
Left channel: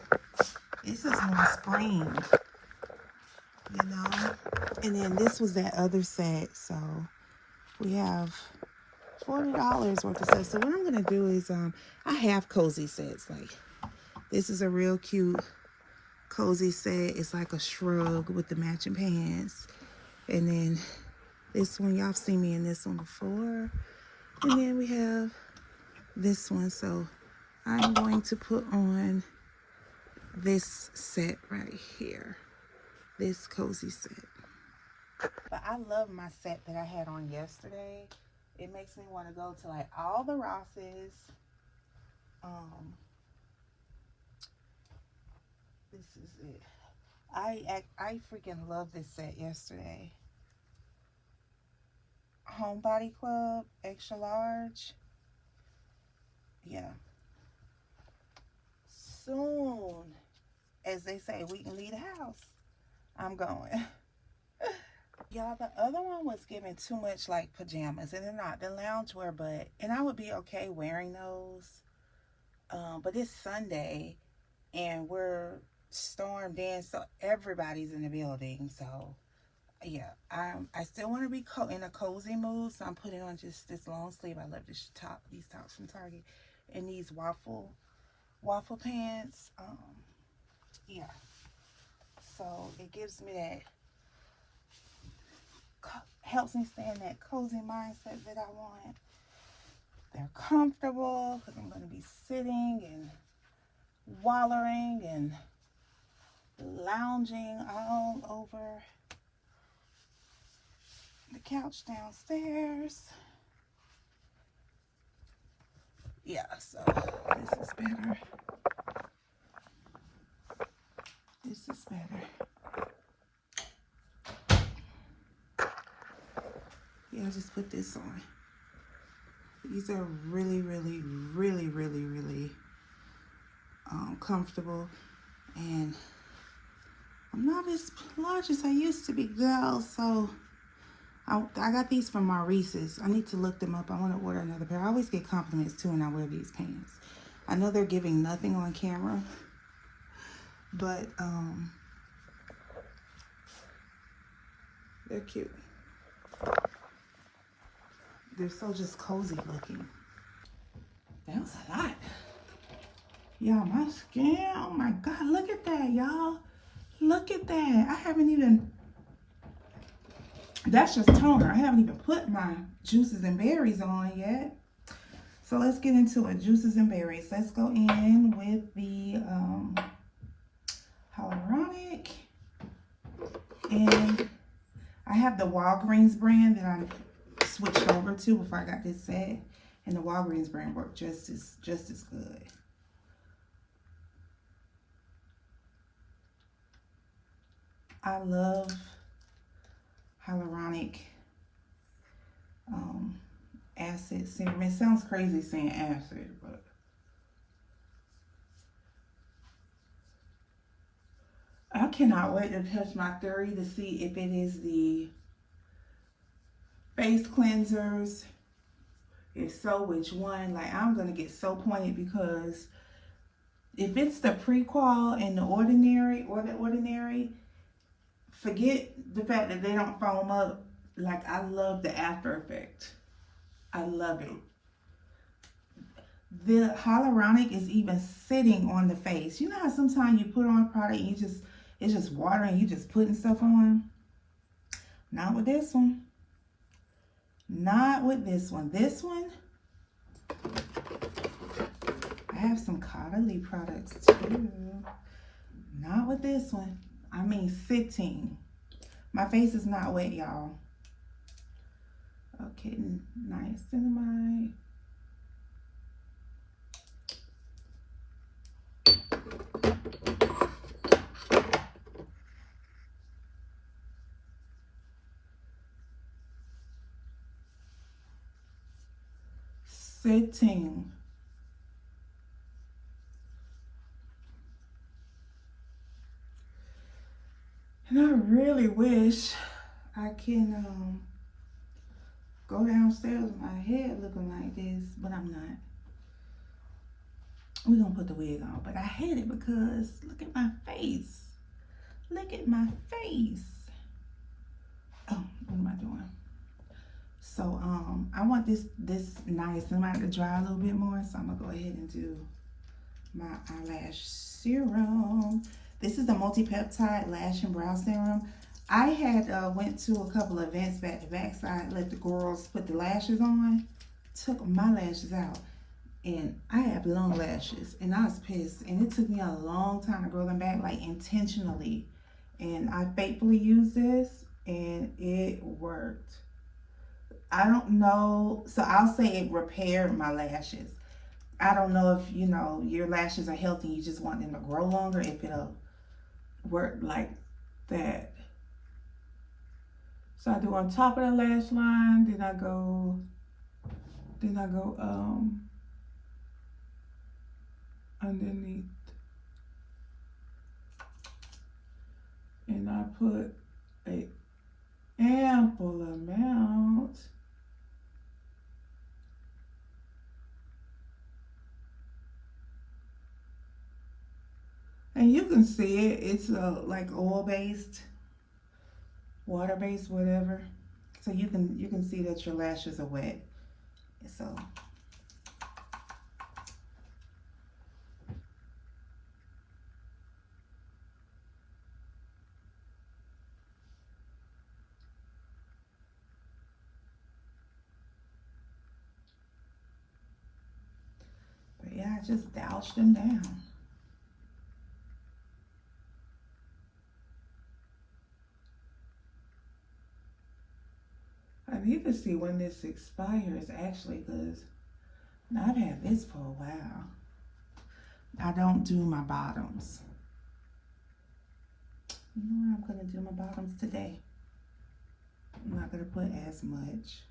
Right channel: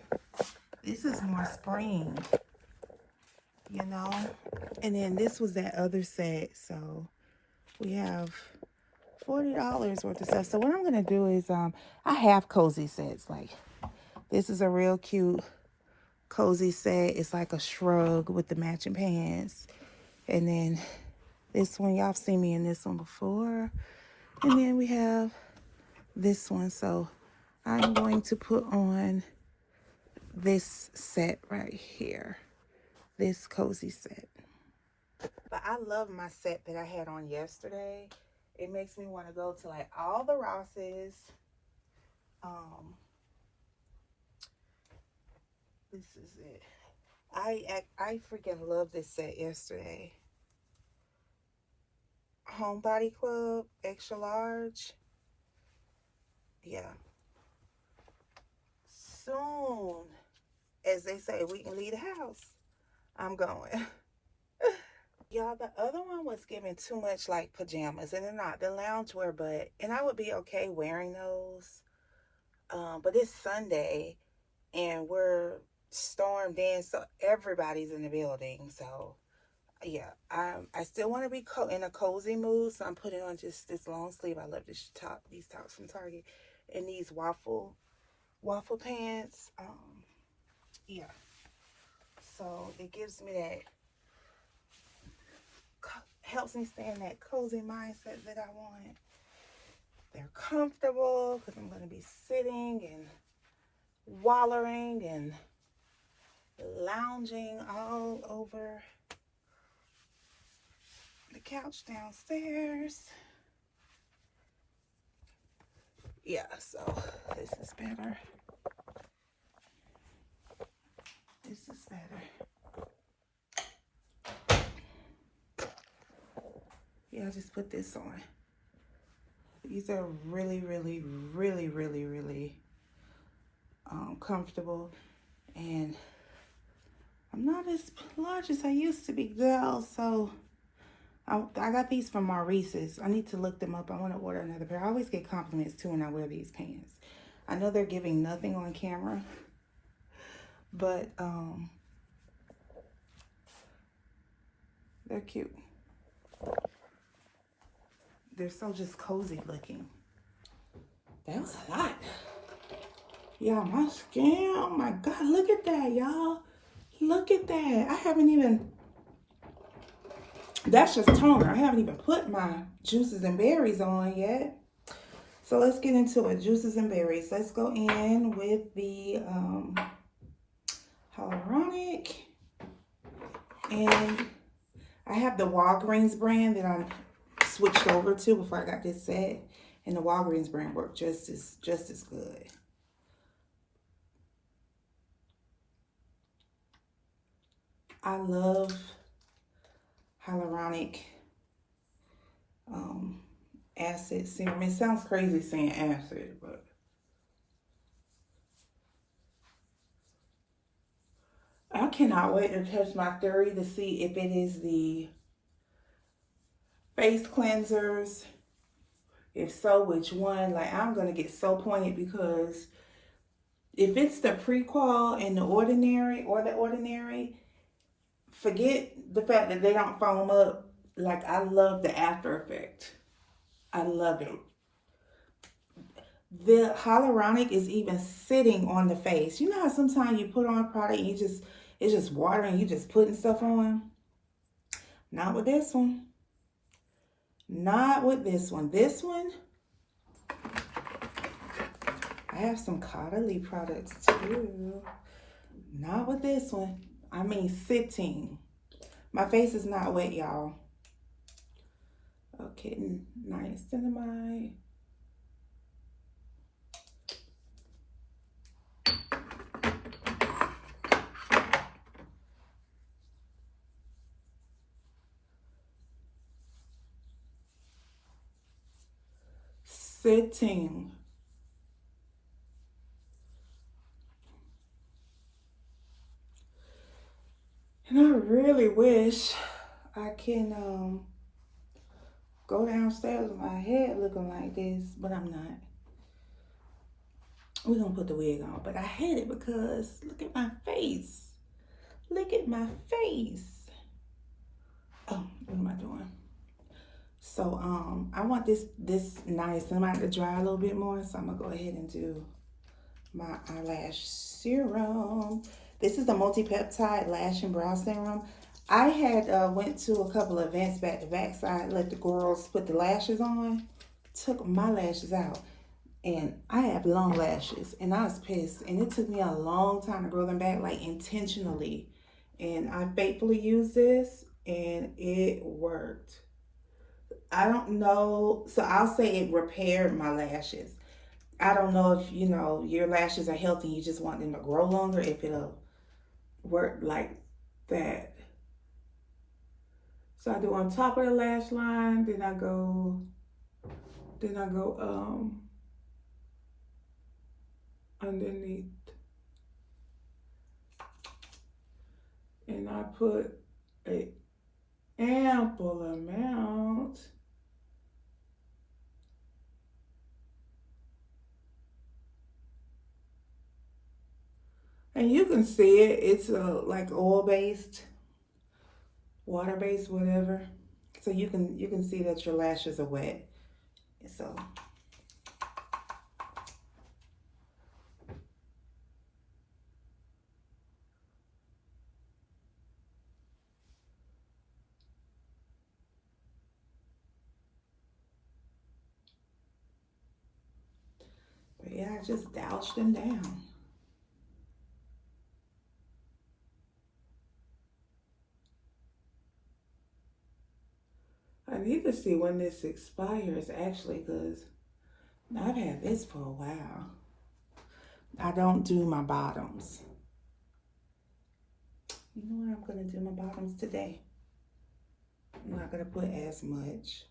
This is more spring. you know. And then this was that other set, so we have $40 worth of stuff. So what I'm gonna do is I have cozy sets. Like this is a real cute cozy set. It's like a shrug with the matching pants. And then this one, y'all seen me in this one before. And then we have this one. So I'm going to put on this set right here. This cozy set. But I love my set that I had on yesterday. It makes me want to go to like all the Rosses. This is it. I freaking love this set yesterday. Homebody Club, extra large. Yeah. Soon, as they say, we can leave the house. I'm going. Y'all, the other one was giving too much like pajamas, and they're not. The loungewear, and I would be okay wearing those. But it's Sunday, and we're stormed in, so everybody's in the building. So yeah, I still want to be in a cozy mood, so I'm putting on just this long sleeve. I love these tops from Target, and these waffle pants. Yeah, so it gives me that, helps me stay in that cozy mindset that I want. They're comfortable because I'm going to be sitting and wallowing and lounging all over the couch downstairs. Yeah, so this is better. This is better. Yeah, I just put this on. These are really, really, really, really, really comfortable. And I'm not as large as I used to be, girl. So I got these from Maurice's. I need to look them up. I want to order another pair. I always get compliments too when I wear these pants. I know they're giving nothing on camera, but they're cute. They're so just cozy looking. That was a lot. Y'all, my skin, oh my God, look at that, y'all. Look at that. I haven't even, that's just toner. I haven't even put my juices and berries on yet. So let's get into it. Juices and berries. Let's go in with the hyaluronic. And I have the Walgreens brand that I switched over to before I got this set. And the Walgreens brand worked just as good. I love hyaluronic acid serum. It sounds crazy saying acid, but I cannot wait to test my theory to see if it is the face cleansers. If so, which one? Like, I'm gonna get so pointed because if it's the Prequal and the Ordinary, forget the fact that they don't foam up. Like, I love the after effect. I love it. The hyaluronic is even sitting on the face. You know how sometimes you put on a product and it's just water and you just putting stuff on? Not with this one. Not with this one. This one, I have some Caudalie products too. Not with this one. I mean sitting. My face is not wet, y'all. Okay, niacinamide. Sitting. And I really wish I can go downstairs with my head looking like this, but I'm not. We're gonna put the wig on, but I hate it because look at my face. Look at my face. Oh, what am I doing? So I want this niacinamide to dry a little bit more, so I'm gonna go ahead and do my eyelash serum. This is the multi-peptide lash and brow serum. I had went to a couple of events back to back, so I let the girls put the lashes on, took my lashes out, and I have long lashes, and I was pissed, and it took me a long time to grow them back, like intentionally, and I faithfully used this, and it worked. I don't know, so I'll say it repaired my lashes. I don't know if your lashes are healthy, you just want them to grow longer, if it'll work like that. So I do on top of the lash line, then I go underneath, and I put a ample amount. And you can see it, it's like oil-based, water-based, whatever. So you can see that your lashes are wet. So but yeah, I just doused them down. I need to see when this expires actually, because I've had this for a while. I don't do my bottoms. You know what? I'm going to do my bottoms today. I'm not going to put as much.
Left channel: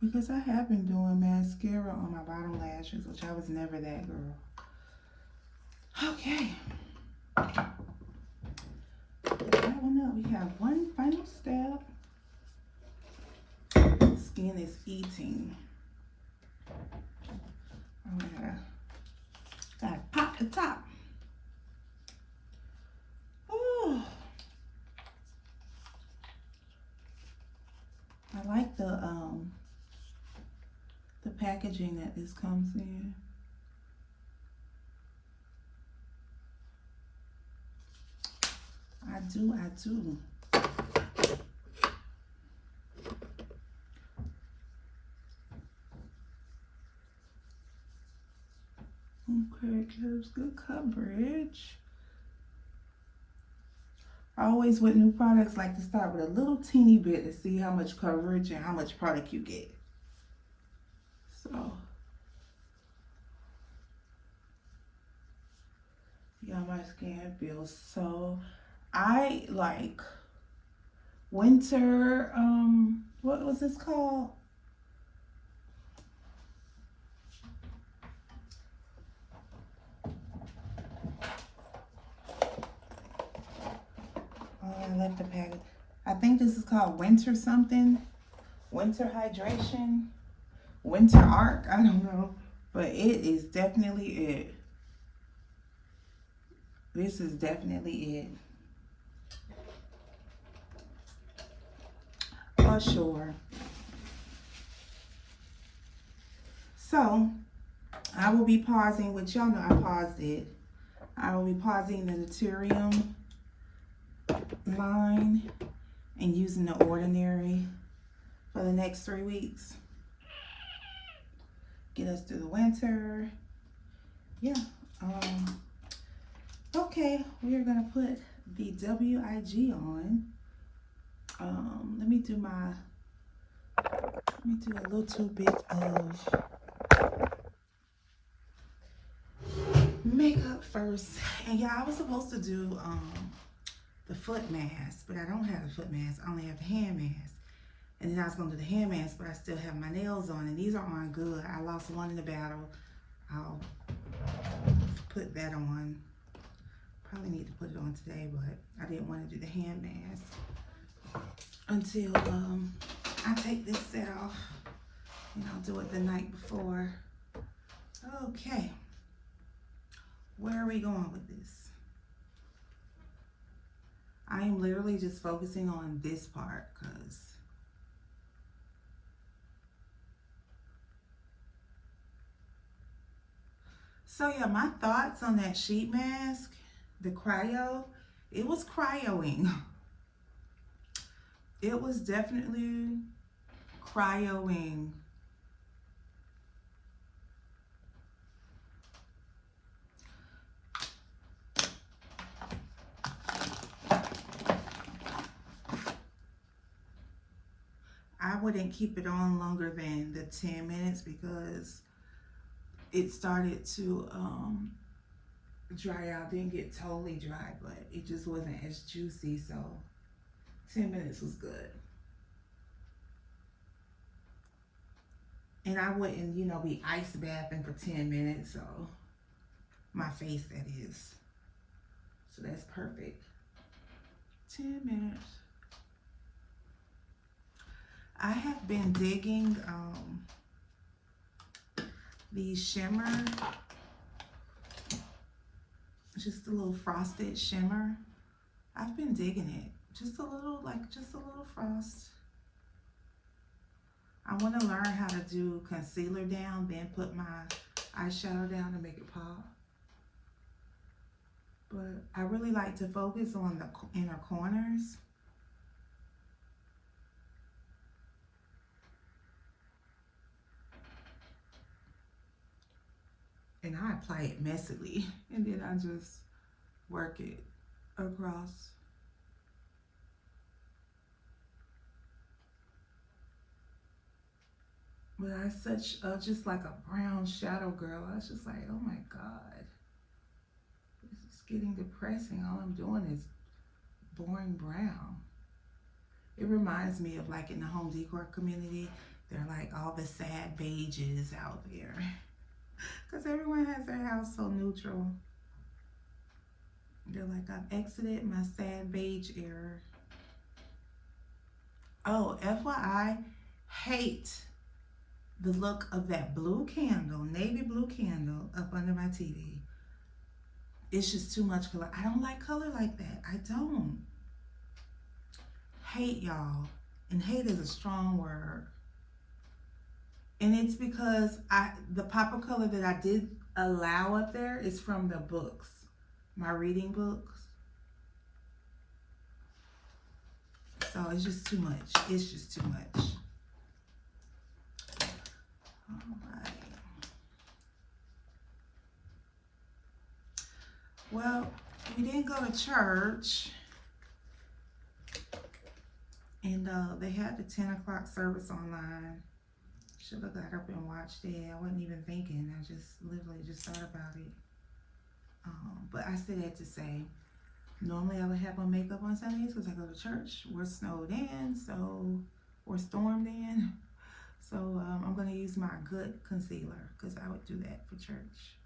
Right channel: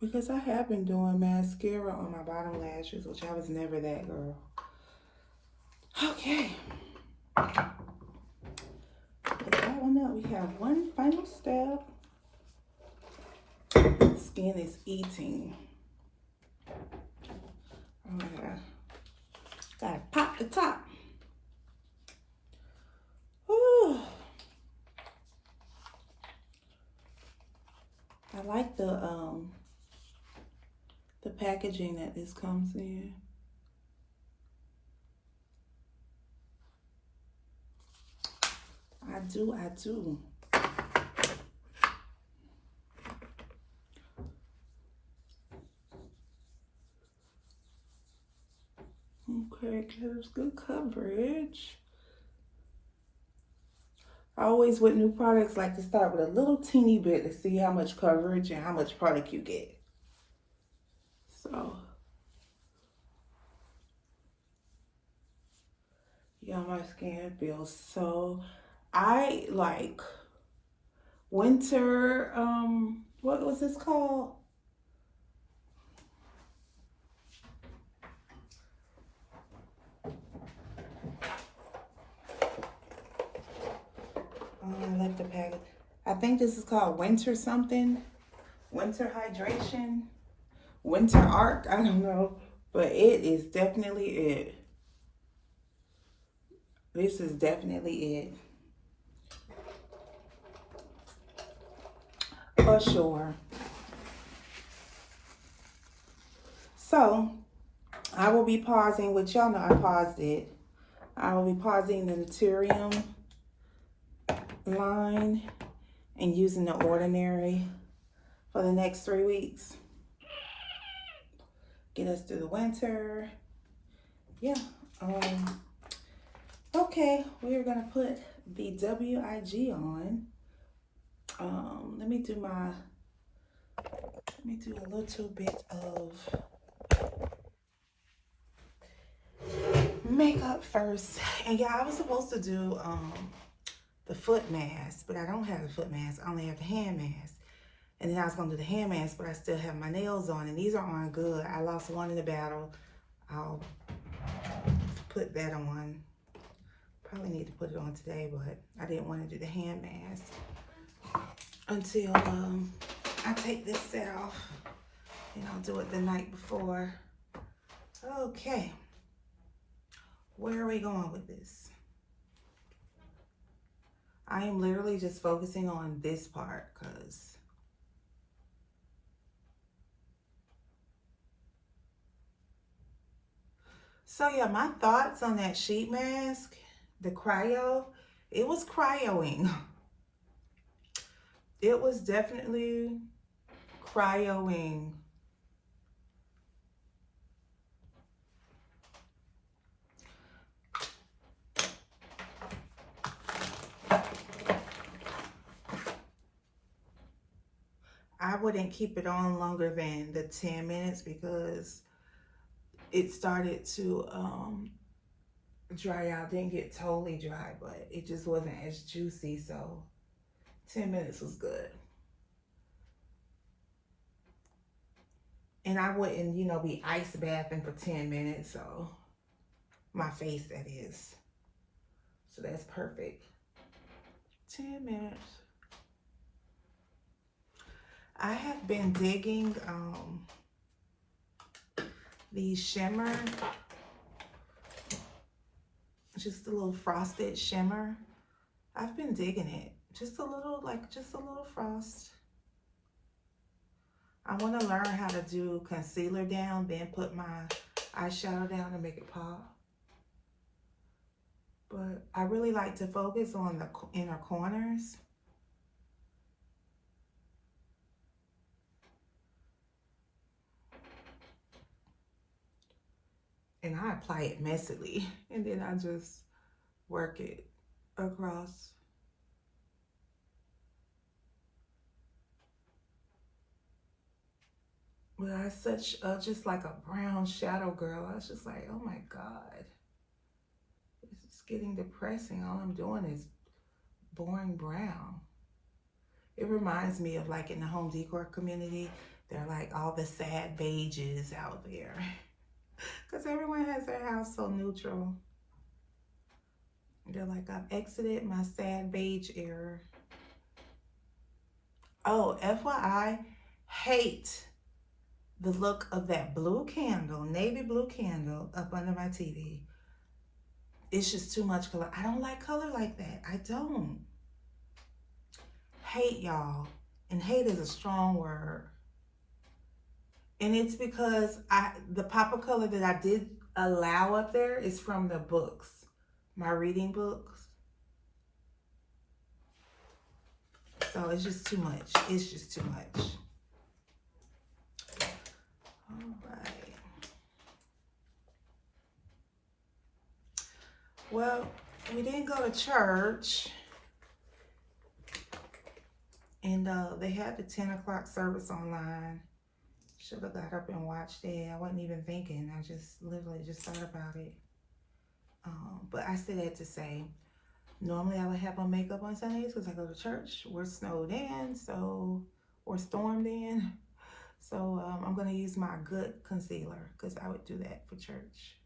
Because I have been doing mascara on my bottom lashes, which I was never that girl. Okay. Put that one up. We have one final step. Skin is eating. Oh yeah. Gotta pop the top. Ooh. I like the packaging that this comes in. I do. Okay, gives good coverage. I always, with new products, like to start with a little teeny bit to see how much coverage and how much product you get. So, yeah, my skin feels so, I like winter, what was this called? I left the package. I think this is called winter something. Winter hydration. Winter arc. I don't know. But it is definitely it. This is definitely it. For sure. So, I will be pausing, which y'all know I paused it. I will be pausing the Naturium line and using the Ordinary for the next 3 weeks. Get us through the winter. Yeah. Okay, we are gonna put the WIG on. Let me do a little bit of makeup first. And yeah, I was supposed to do the foot mask, but I don't have the foot mask. I only have the hand mask. And then I was gonna do the hand mask, but I still have my nails on, and these are on good. I lost one in the battle. I'll put that on. Probably need to put it on today, but I didn't want to do the hand mask until I take this set off, and I'll do it the night before Okay, where are we going with this? I am literally just focusing on this part because so yeah, my thoughts on that sheet mask, the cryo, it was cryoing. It was definitely cryoing. I wouldn't keep it on longer than the 10 minutes because it started to dry out. Didn't get totally dry, but it just wasn't as juicy, so 10 minutes was good. And I wouldn't, you know, be ice bathing for 10 minutes, so my face, that is. So that's perfect. 10 minutes. I have been digging these shimmer, just a little frosted shimmer. I've been digging it. Just a little, like just a little frost. I want to learn how to do concealer down, then put my eyeshadow down and make it pop. But I really like to focus on the inner corners. And I apply it messily, and then I just work it across. But I such just like a brown shadow girl. I was just like, oh my God, this is getting depressing. All I'm doing is boring brown. It reminds me of like in the home decor community, they're like all the sad beiges out there. Because everyone has their house so neutral. They're like, I've exited my sad beige era. Oh, FYI, hate the look of that blue candle, navy blue candle up under my TV. It's just too much color. I don't like color like that. I don't. Hate, y'all. And hate is a strong word. And it's because the pop of color that I did allow up there is from the books, my reading books. So it's just too much. It's just too much. All right. Well, we didn't go to church. And they had the 10 o'clock service online. Should have got up and watched it. I wasn't even thinking. I just literally just thought about it. But I said that to say, normally I would have on makeup on Sundays because I go to church. We're snowed in, so we're stormed in. So I'm going to use my good concealer because I would do that for church.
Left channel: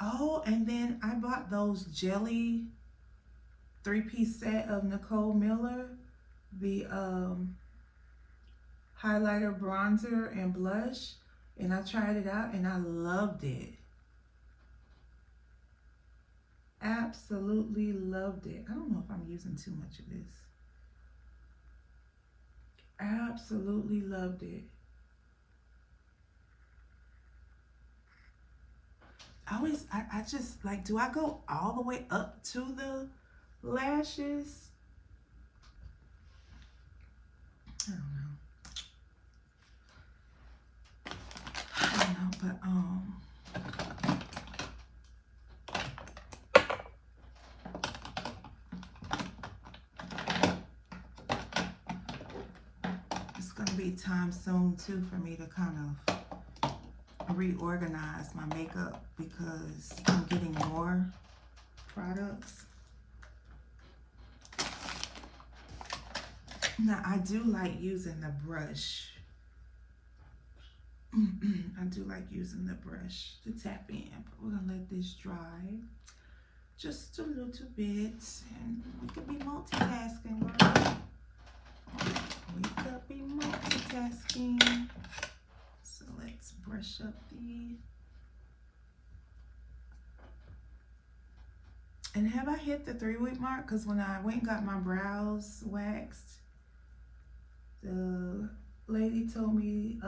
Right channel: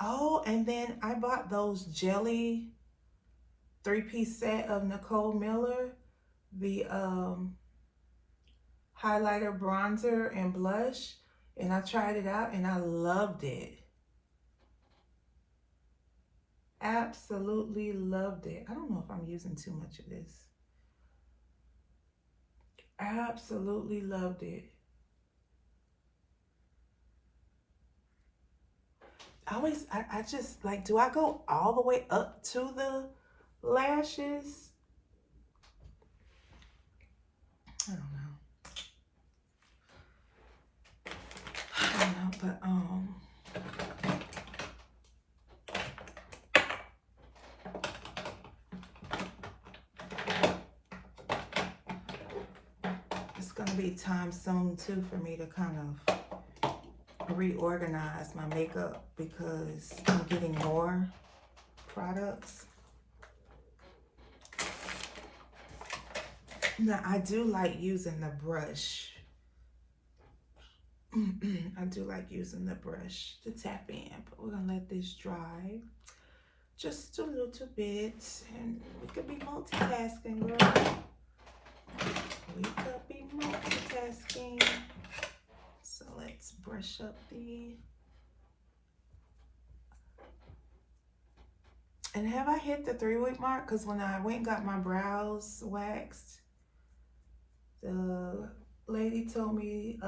Oh, and then I bought those jelly 3-piece set of Nicole Miller. The highlighter, bronzer, and blush. And I tried it out and I loved it. Absolutely loved it. I don't know if I'm using too much of this. Absolutely loved it. I just like, do I go all the way up to the lashes? I don't know, but it's gonna be time soon too for me to kind of reorganize my makeup because I'm getting more products. Now I do like using the brush. I do like using the brush to tap in, but we're gonna let this dry just a little bit, and we could be multitasking, girl. We could be multitasking. So let's brush up the. And have I hit the 3-week mark? Because when I went and got my brows waxed, the lady told me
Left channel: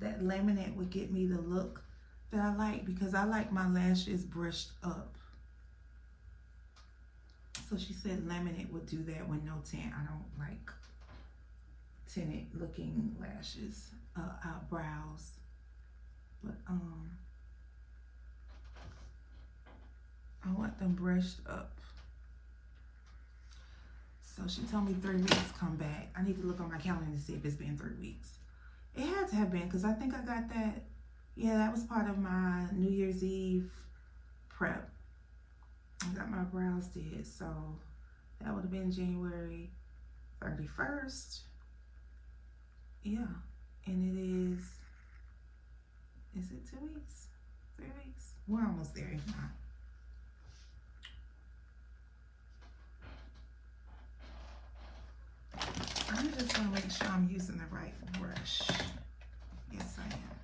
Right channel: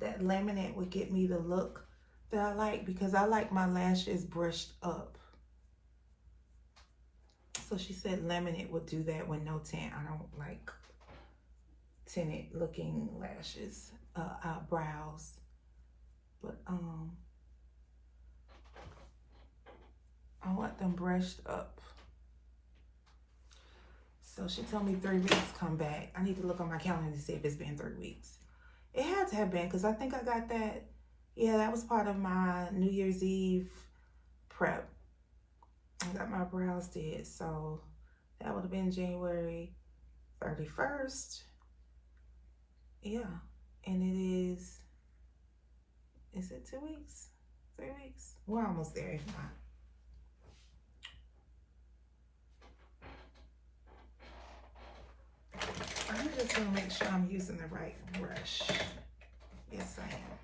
that laminate would get me the look that I like, because I like my lashes brushed up. So she said laminate would do that with no tint. I don't like tinted looking lashes, brows. But I want them brushed up. So she told me 3 weeks come back. I need to look on my calendar to see if it's been 3 weeks. It had to have been, because I think I got that. Yeah, that was part of my New Year's Eve prep. I got my brows did, so that would have been January 31st. Yeah, and it is it 2 weeks? 3 weeks? We're almost there, if not. I'm just gonna make sure I'm using the right brush. Yes, I am.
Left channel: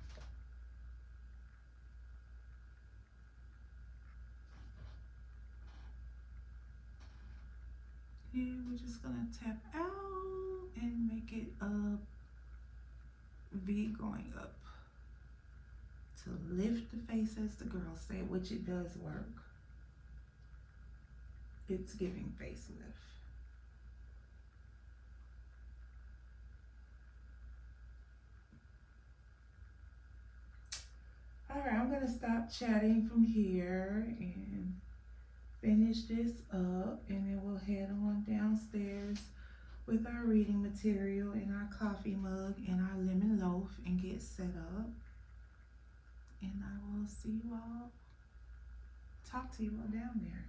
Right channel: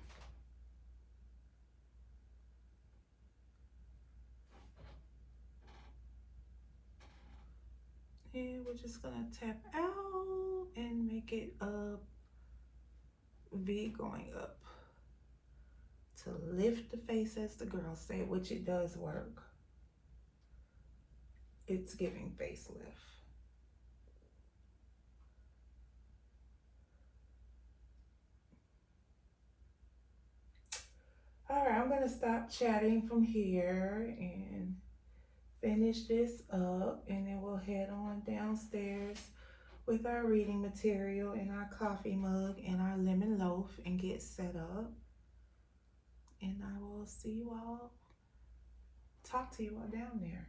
And we're just gonna tap out and make it a V going up to lift the face, as the girls say, which it does work. It's giving facelift. All right, I'm gonna stop chatting from here and finish this up, and then we'll head on downstairs with our reading material and our coffee mug and our lemon loaf and get set up. And I will see you all, talk to you all down there.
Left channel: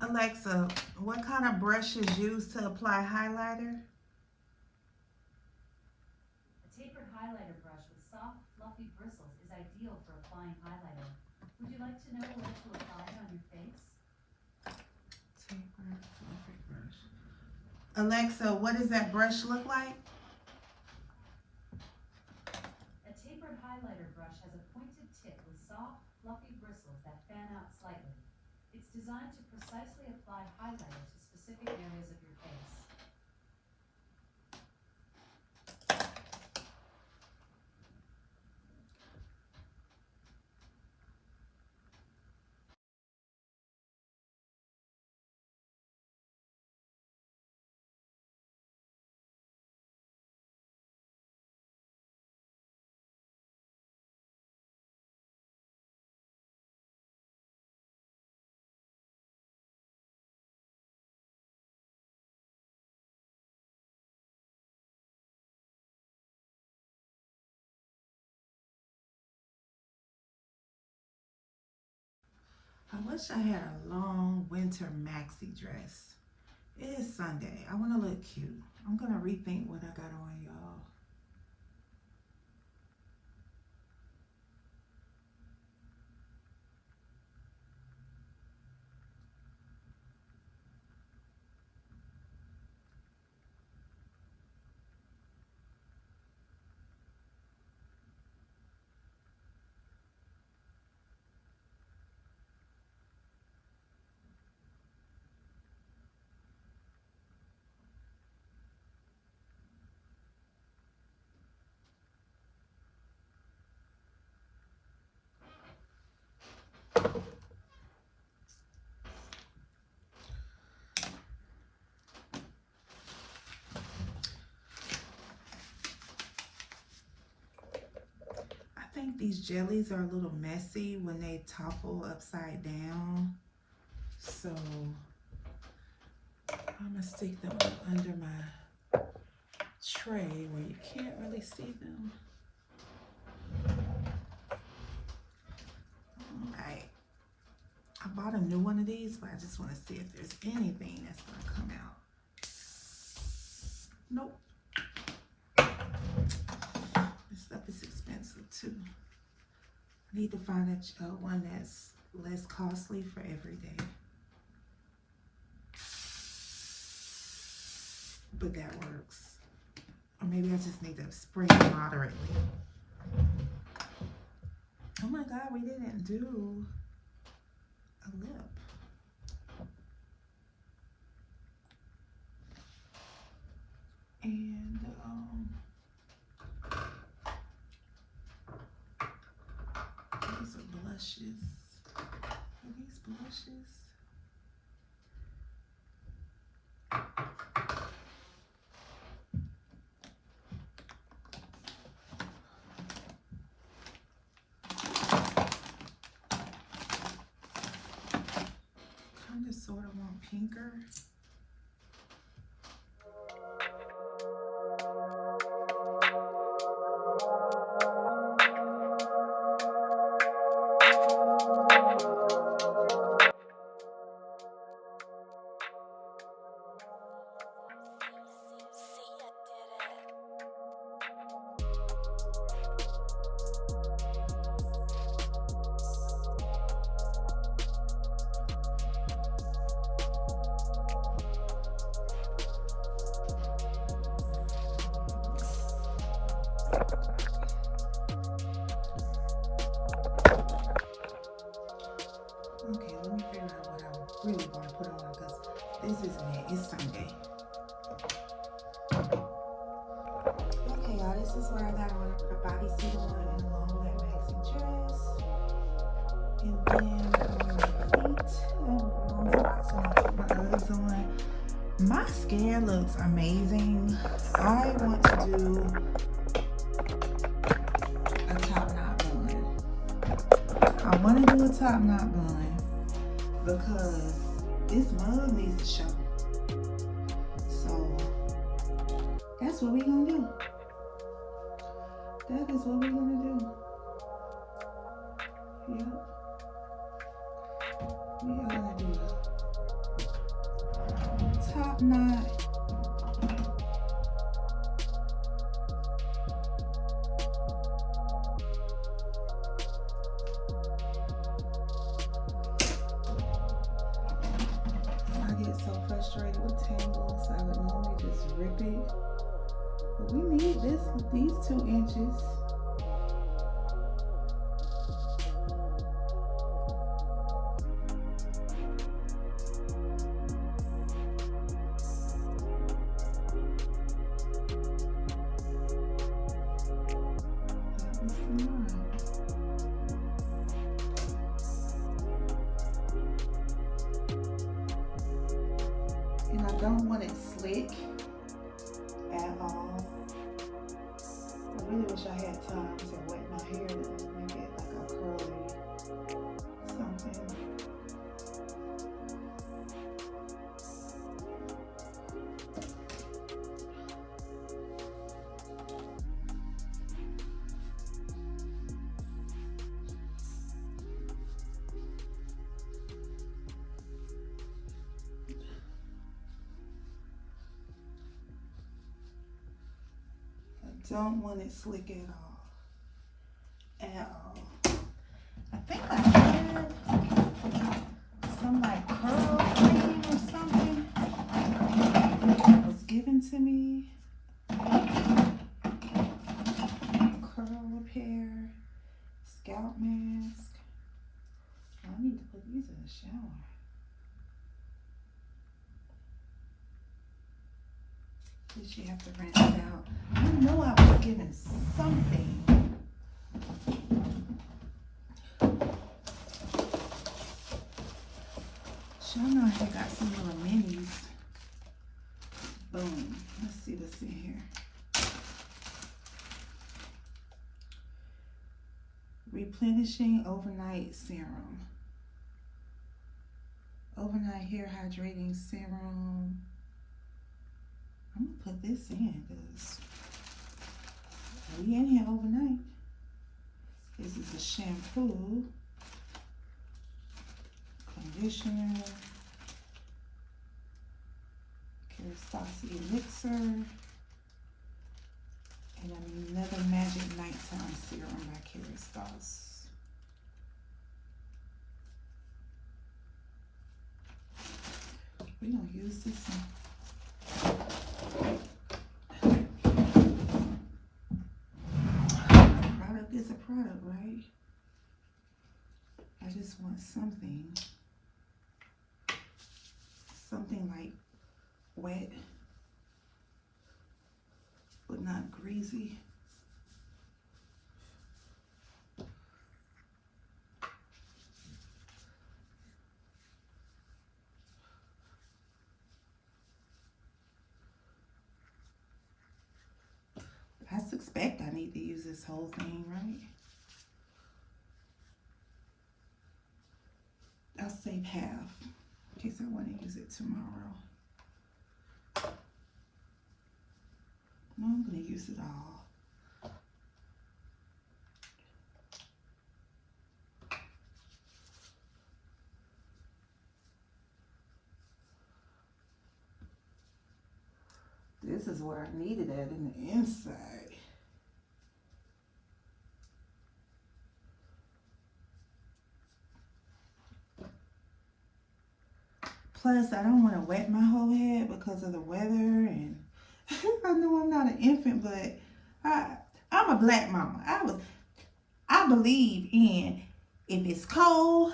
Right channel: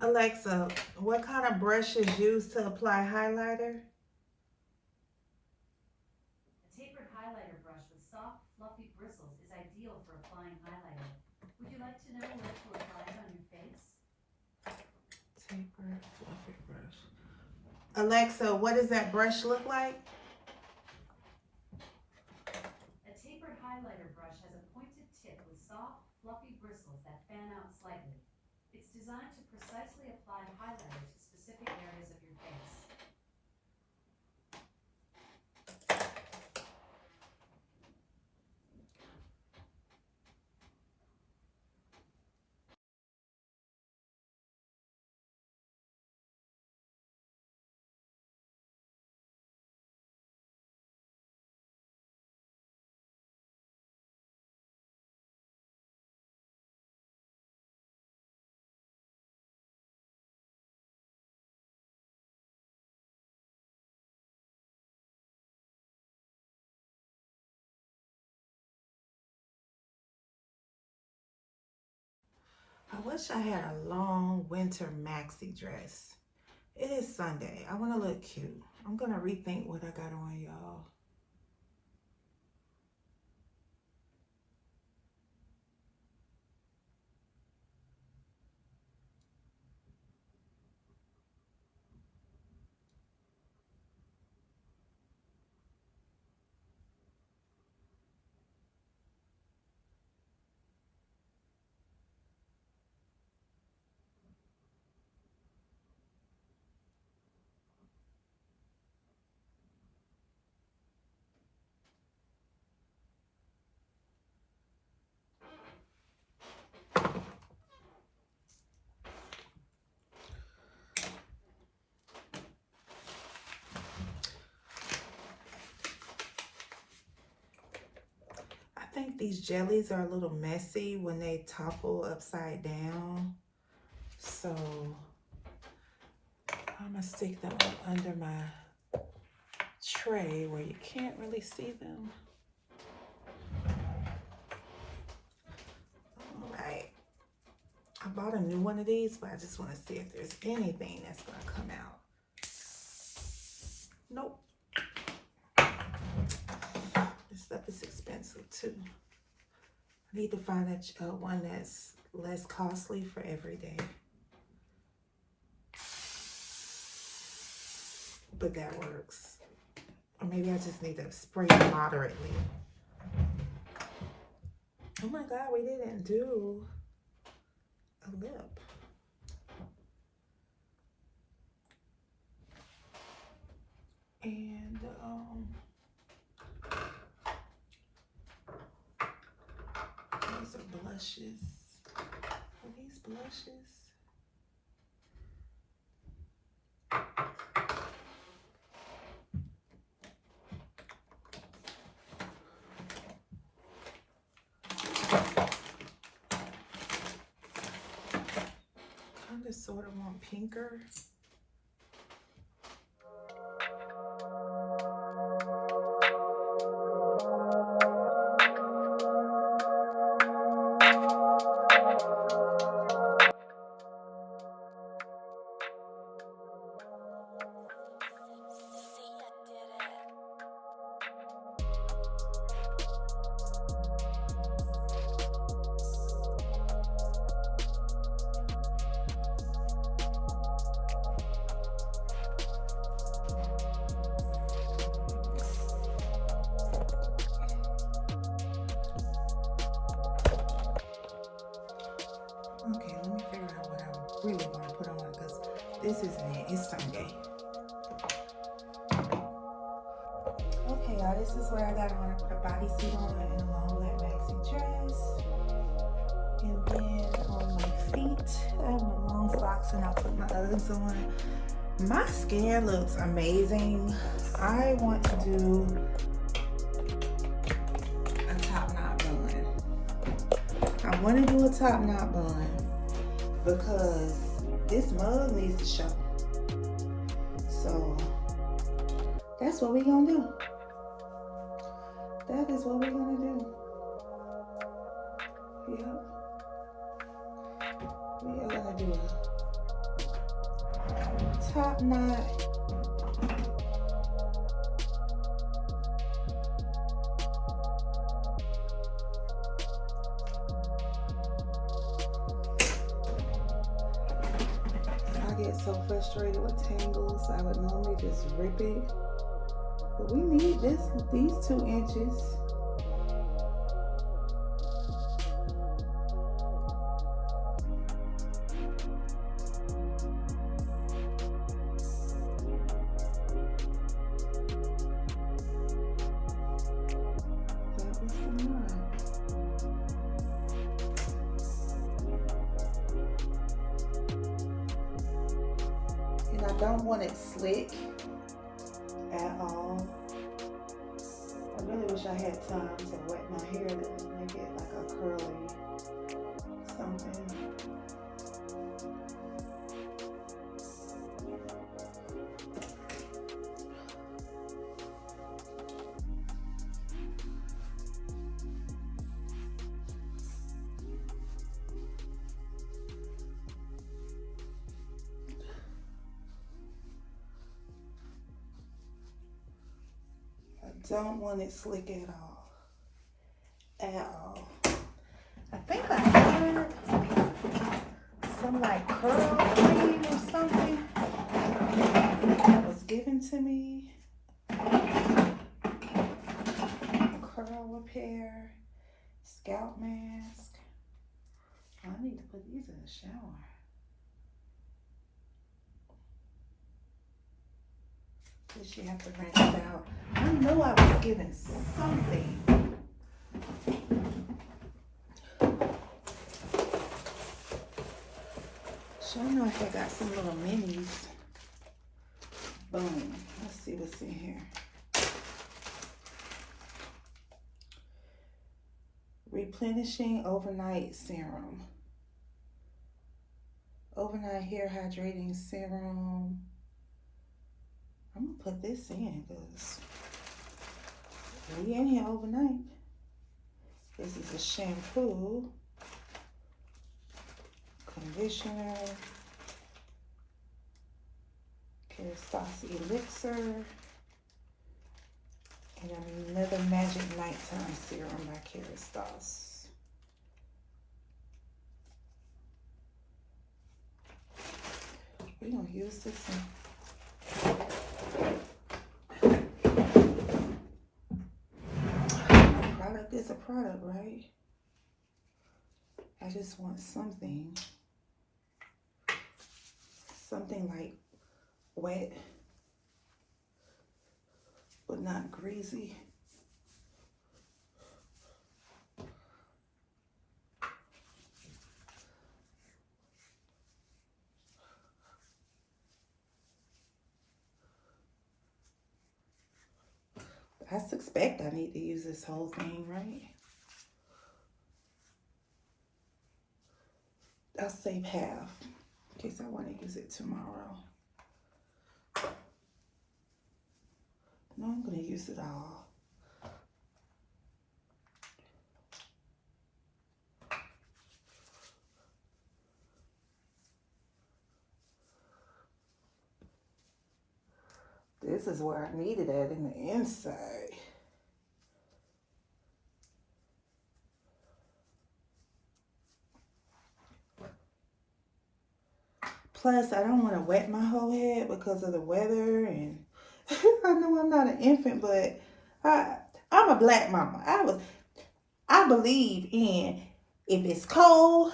Alexa, what kind of brush is used to apply highlighter? A tapered highlighter brush with soft, fluffy bristles is ideal for applying highlighter. Would you like to know where to apply it on your face? Tapered, fluffy brush. Alexa, what does that brush look like? A tapered highlighter brush has a pointed tip with soft, fluffy bristles that fan out slightly. It's designed to precisely apply highlighter to specific areas of your face. I wish I had a long winter maxi dress. It is Sunday. I want to look cute. I'm going to rethink what I got on, y'all. I think these jellies are a little messy when they topple upside down. So I'm going to stick them up under my tray where you can't really see them. All right. I bought a new one of these, but I just want to see if there's anything that's going to come out. Nope. This stuff is expensive too. I need to find a one that's less costly for every day. But that works. Or maybe I just need to spray it moderately. Oh my God, we didn't do a lip. And these are blushes. Are these blushes? Kind of sort of want pinker. Okay, let me figure out what I really want to put on because this isn't it. It's Sunday. Okay, y'all, this is where I got on. I put a bodysuit on and a long black maxi dress. And then on my feet, I have long socks and I put my Uggs on. My skin looks amazing. I want to do a top knot bun. I want to do a top knot bun because this mug needs to show. So that's what we're gonna do. That is what we're gonna do. Yep. We are gonna do a top knot. So frustrated with tangles, I would normally just rip it, but we need these 2 inches. That was the knot. And I don't want it slick at all. I really wish I had time to wet my hair to make it like a curly something. Don't want it slick at all. At all. I think I had some like curl cream or something that was given to me. Curl repair, scalp mask. I need to put these in the shower. Guess you have to rinse out. I know I was given something. Sure enough, I got some little minis. Boom. Let's see what's in here. Replenishing overnight serum. Overnight hair hydrating serum. I'm gonna put this in because we in here overnight. This is a shampoo, conditioner, Kerastase elixir, and another magic nighttime serum by Kerastase. We're gonna use this one. A product is a product, right? I just want something like wet, but not greasy. I suspect I need to use this whole thing, right? I'll save half in case I want to use it tomorrow. No, I'm going to use it all. This is where I need it at in the inside. Plus, I don't want to wet my whole head because of the weather, and I know I'm not an infant, but I'm a black mama. I believe in if it's cold,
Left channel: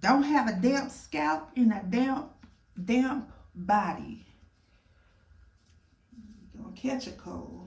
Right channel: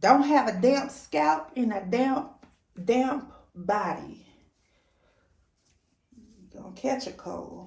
don't have a damp scalp and a damp body. You're gonna catch a cold.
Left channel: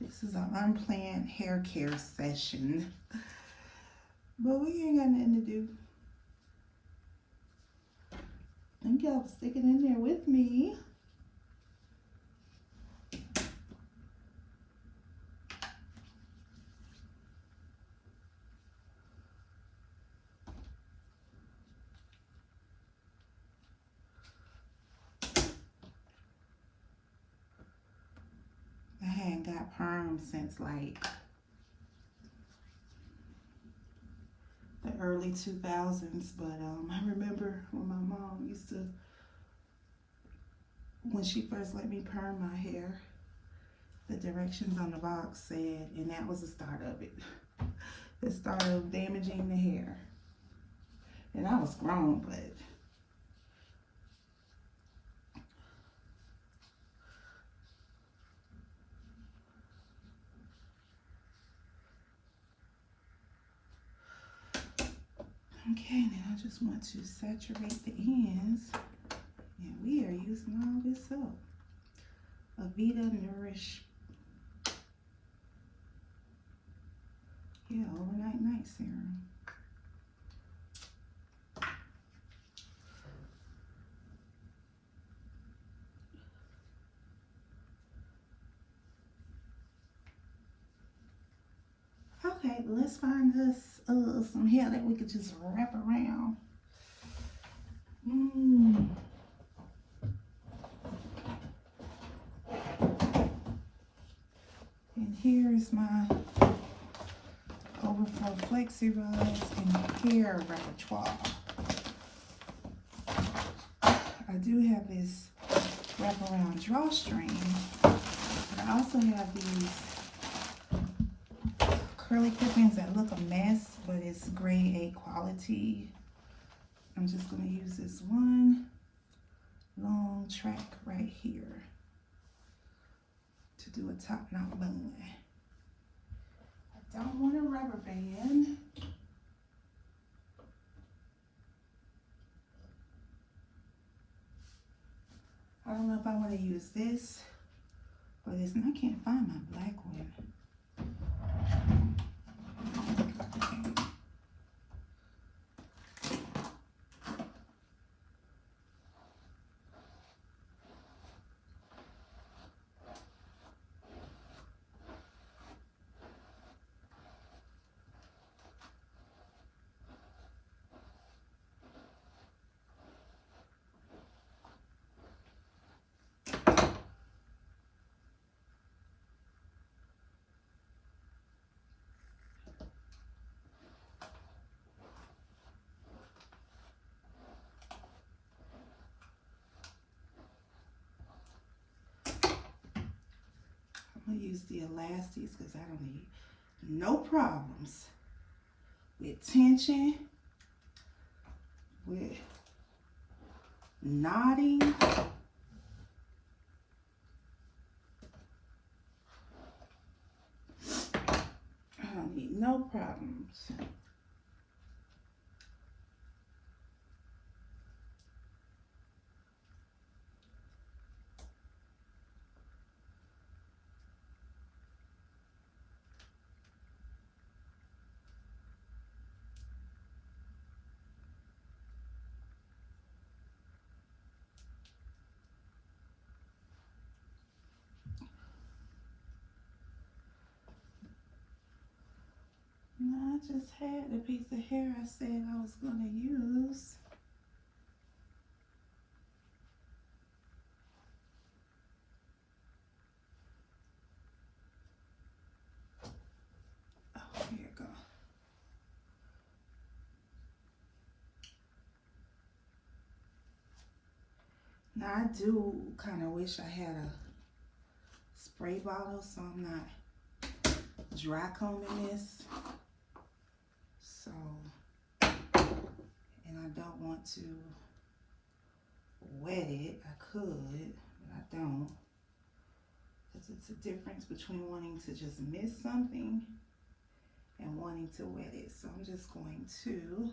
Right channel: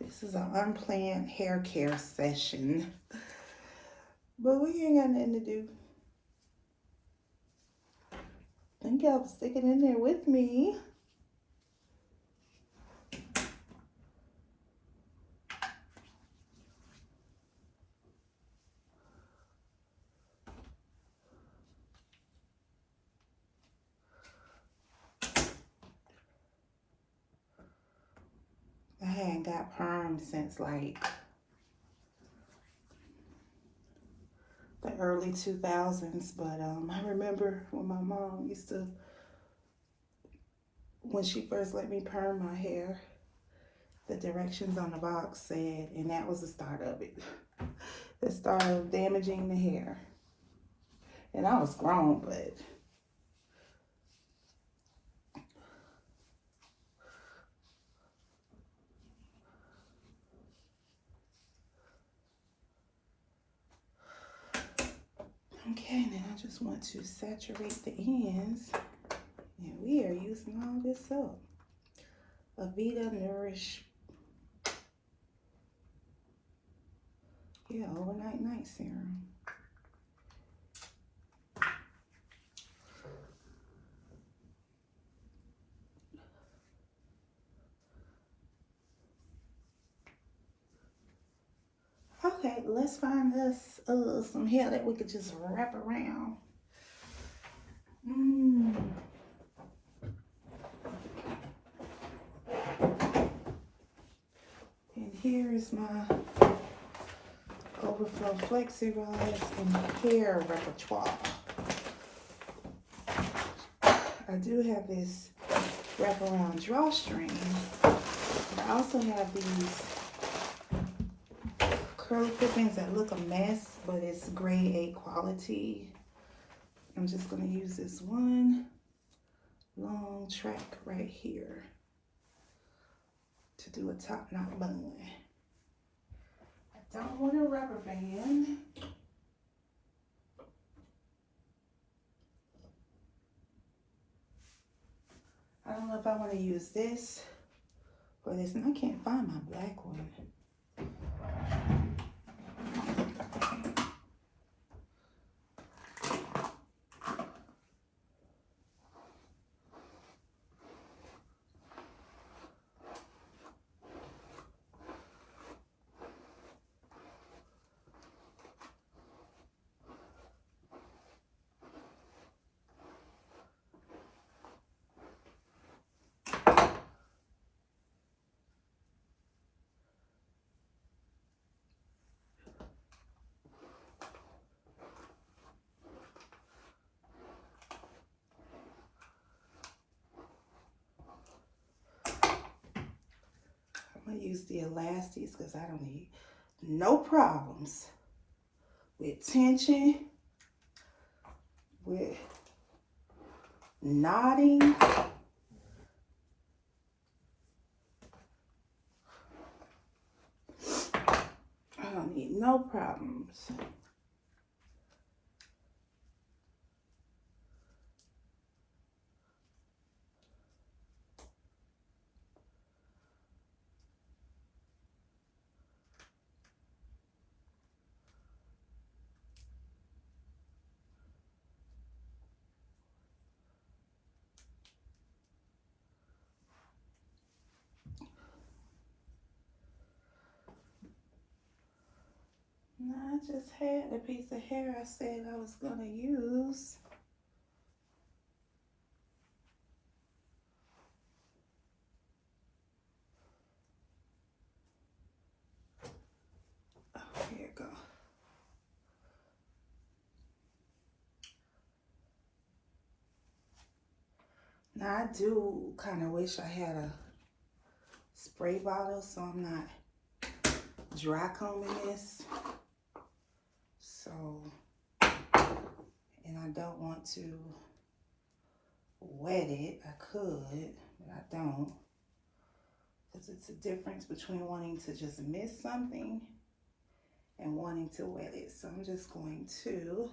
This is an unplanned hair care session, but we ain't got nothing to do. Thank y'all for sticking in there with me. I hadn't got perm since like the early 2000s, but I remember when my mom used to, when she first let me perm my hair, the directions on the box said, and that was the start of it, the start of damaging the hair. And I was grown, but okay, then I just want to saturate the ends, and we are using all this up. Avita Nourish. Yeah, overnight night serum. Okay, let's find us some hair that we could just wrap around. And here is my Overflow Flexi Rods and hair repertoire. I do have this wraparound drawstring. I also have these curly clip-ins that look a mess, but it's grade A quality. I'm just gonna use this one long track right here to do a top knot bun. I don't want a rubber band. I don't know if I want to use this or this, and I can't find my black one. I'm gonna use the elastics because I don't need no problems with tension, with knotting. I don't need no problems. I just had the piece of hair I said I was gonna use. Oh, here you go. Now I do kind of wish I had a spray bottle so I'm not dry combing this. So, and I don't want to wet it. I could, but I don't. Because it's a difference between wanting to just miss something and wanting to wet it. So I'm just going to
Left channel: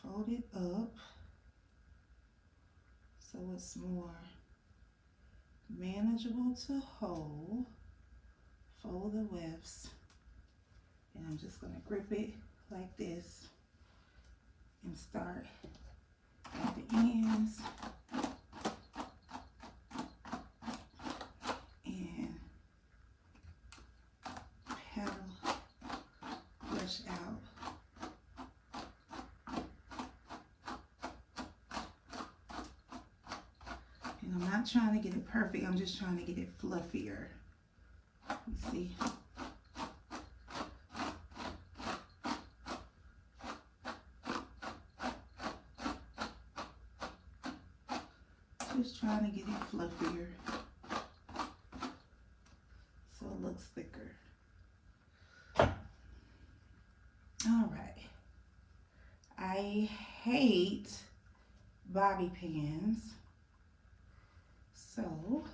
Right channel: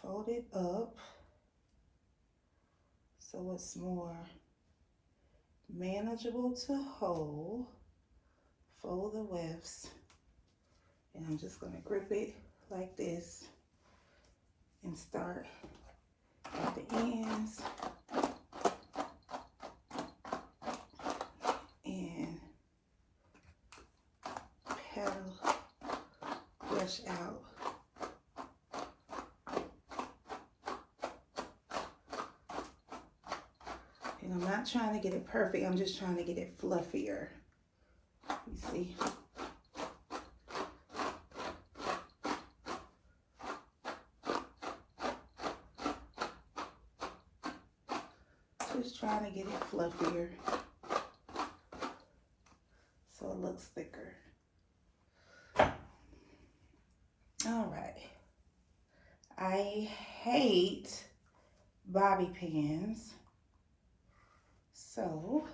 fold it up so it's more manageable to hold. Fold the wefts, and I'm just going to grip it like this and start at the ends and pedal, brush out. And I'm not trying to get it perfect, I'm just trying to get it fluffier. You see? Just trying to get it fluffier so it looks thicker. All right. I hate bobby pins, so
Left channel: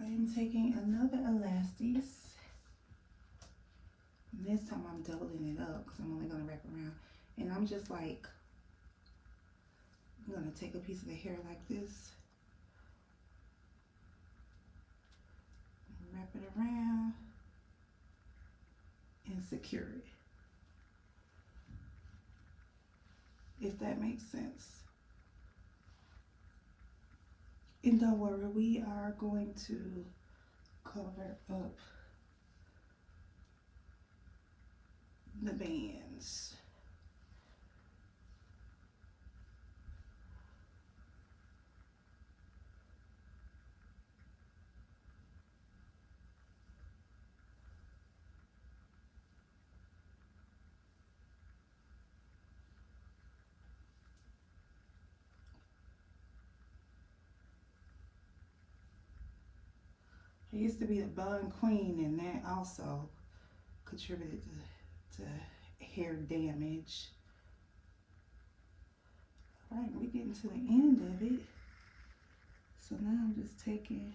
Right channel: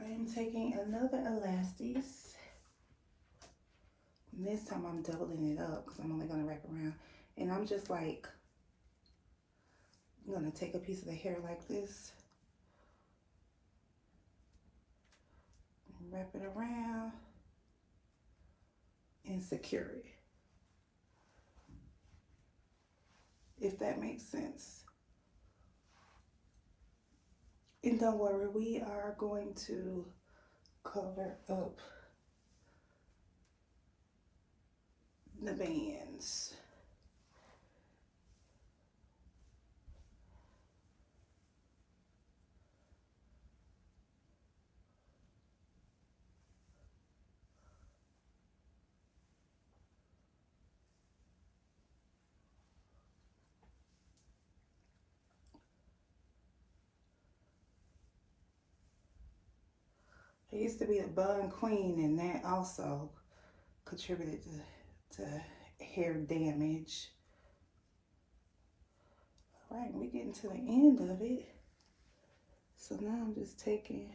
I am taking another elastis. And this time I'm doubling it up because I'm only going to wrap around. And I'm just like, I'm gonna take a piece of the hair like this, and wrap it around and secure it, if that makes sense. And don't worry, we are going to cover up the bands. I used to be a bun queen, and that also contributed to hair damage. All right, we're getting to the end of it. So now I'm just taking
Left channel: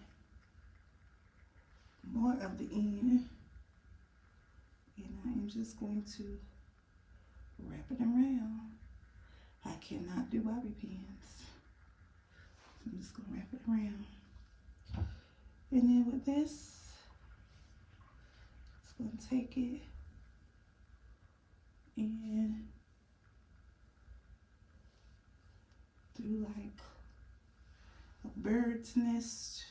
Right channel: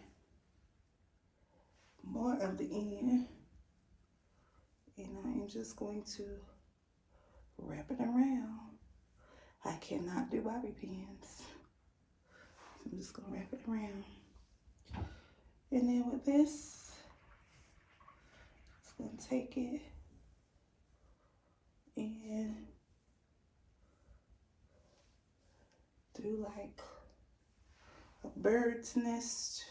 more of the end, and I am just going to wrap it around. I cannot do bobby pins. I'm just gonna wrap it around. And then with this, just gonna take it and do like a bird's nest.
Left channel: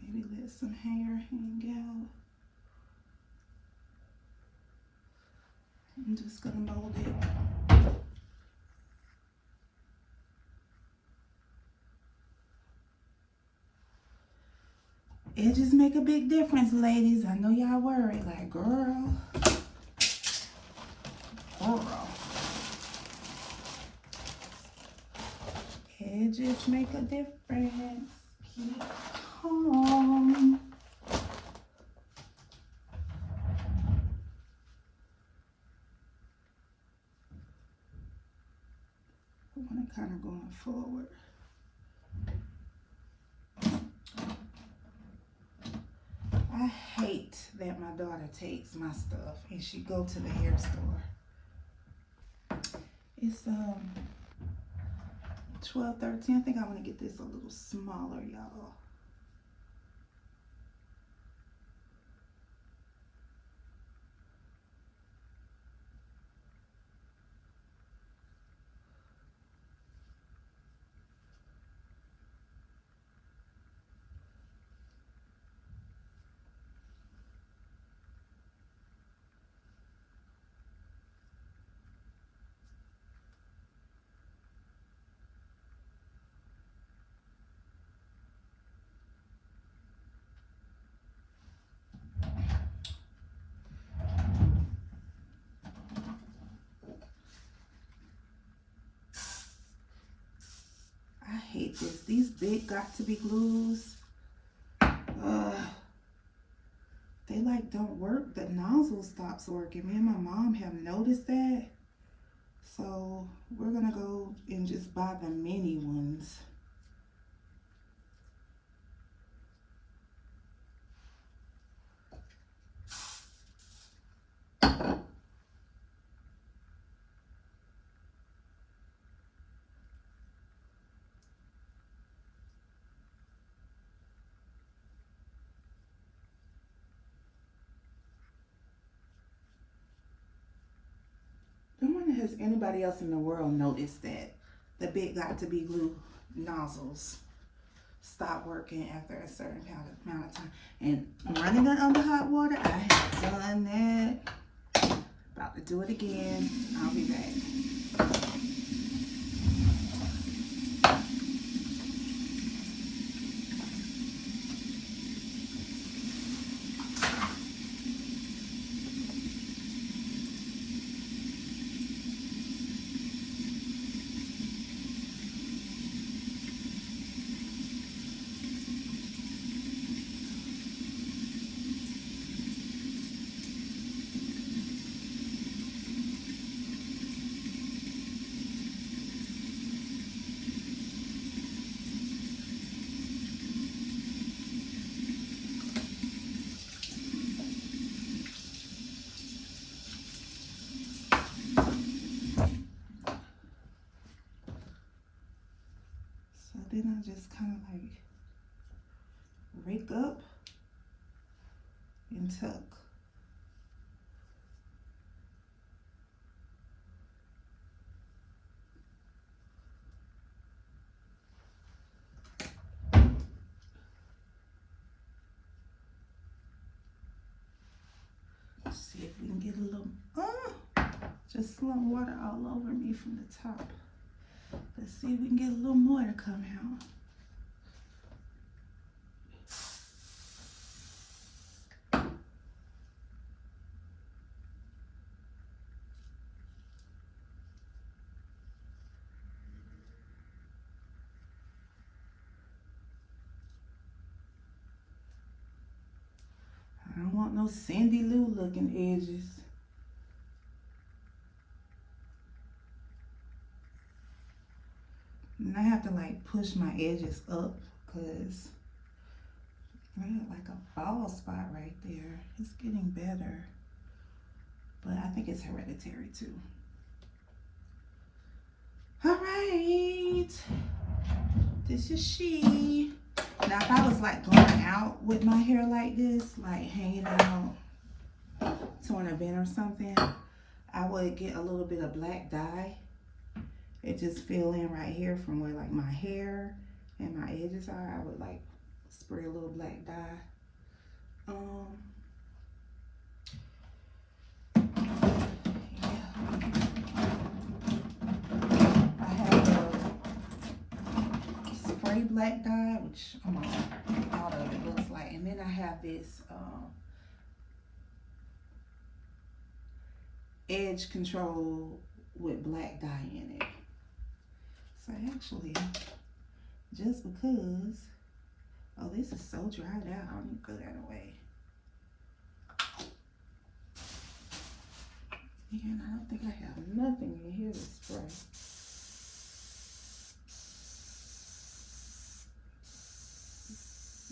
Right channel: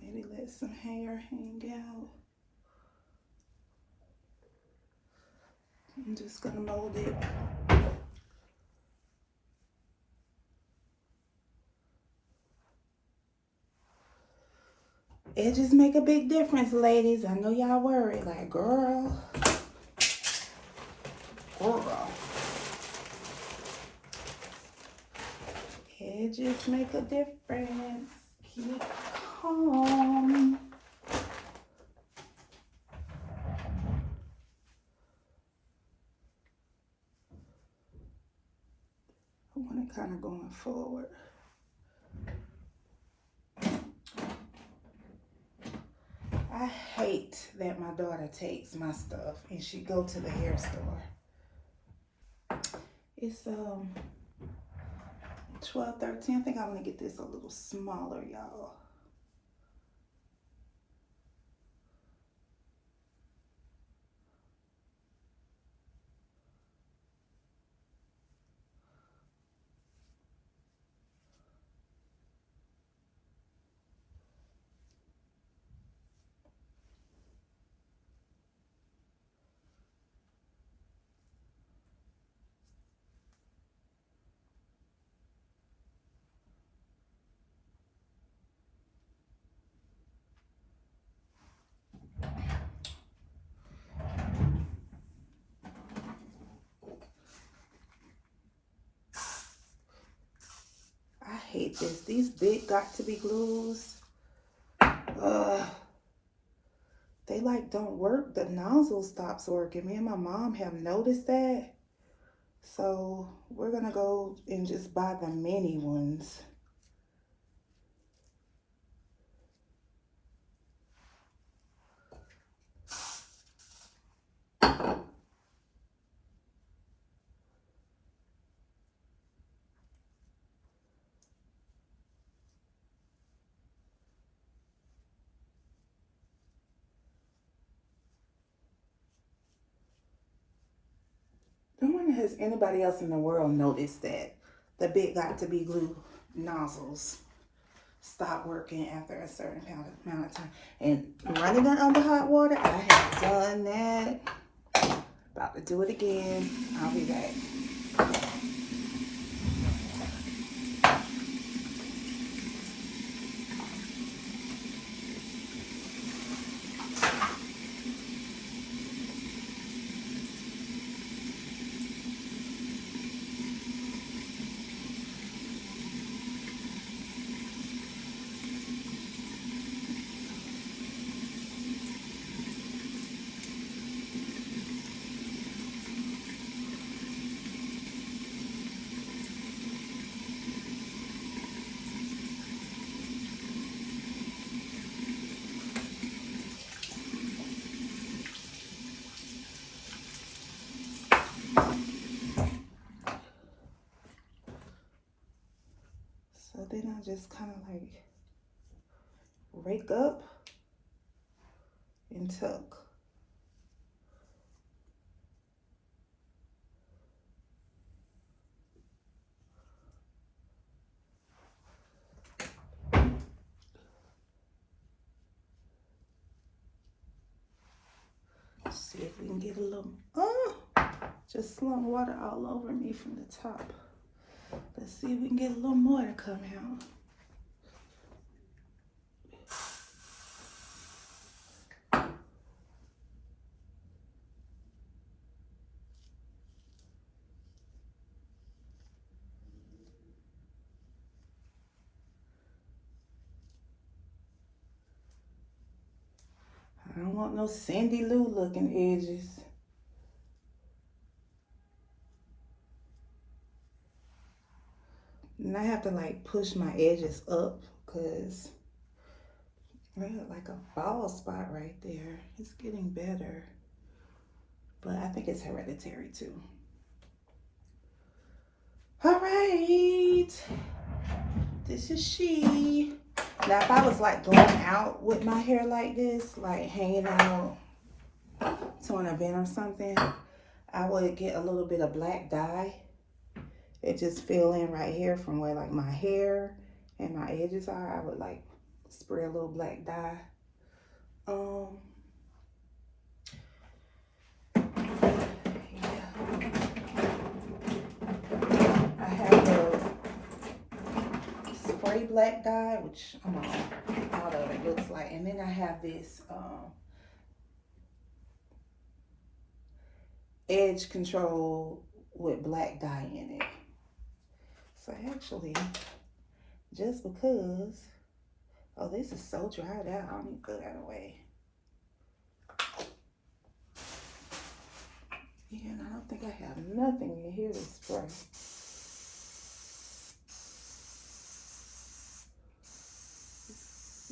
Maybe let some hair hang out. I'm just gonna mold it. Edges make a big difference, ladies. I know y'all worried, like, girl. Edges make a difference. Keep calm. I want it kind of going forward. I hate that my daughter takes my stuff and she go to the hair store. It's 12, 13. I think I want to get this a little smaller, y'all. I hate this. These big got to be glues. They like don't work. The nozzle stops working. Me and my mom have noticed that. So we're gonna go and just buy the mini ones. I wonder, has anybody else in the world noticed that the big got to be glue nozzles stop working after a certain amount of time? And running it under hot water, I have done that. About to do it again. I'll be back. I just kind of like rake up and tuck. See if we can get a little, just slump water all over me from the top. Let's see if we can get a little more to come out. I don't want no Cindy Lou looking edges. And I have to like push my edges up because I got like a bald spot right there. It's getting better, but I think it's hereditary too. All right, this is she. Now if I was like going out with my hair like this, like hanging out to an event or something, I would get a little bit of black dye. It just fill in right here from where like my hair and my edges are. I would like spray a little black dye. I have the spray black dye, which I'm out of it, looks like. And then I have this edge control with black dye in it. So actually, just because, oh, this is so dried out, I need to throw that away. Yeah, and I don't think I have nothing in here to spray.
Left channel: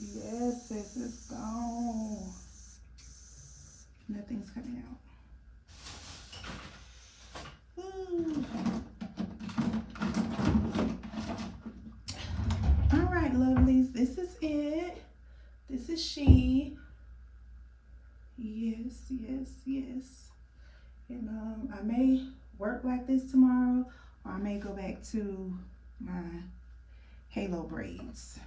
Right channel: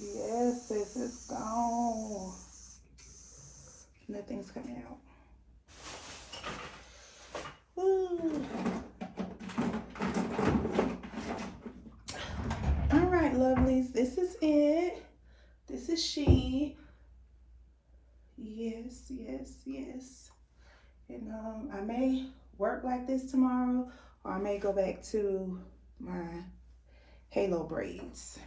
Yes, this is gone. Nothing's coming out. Ooh. All right, lovelies, this is it. This is she. Yes, yes, yes. And I may work like this tomorrow, or I may go back to my halo braids.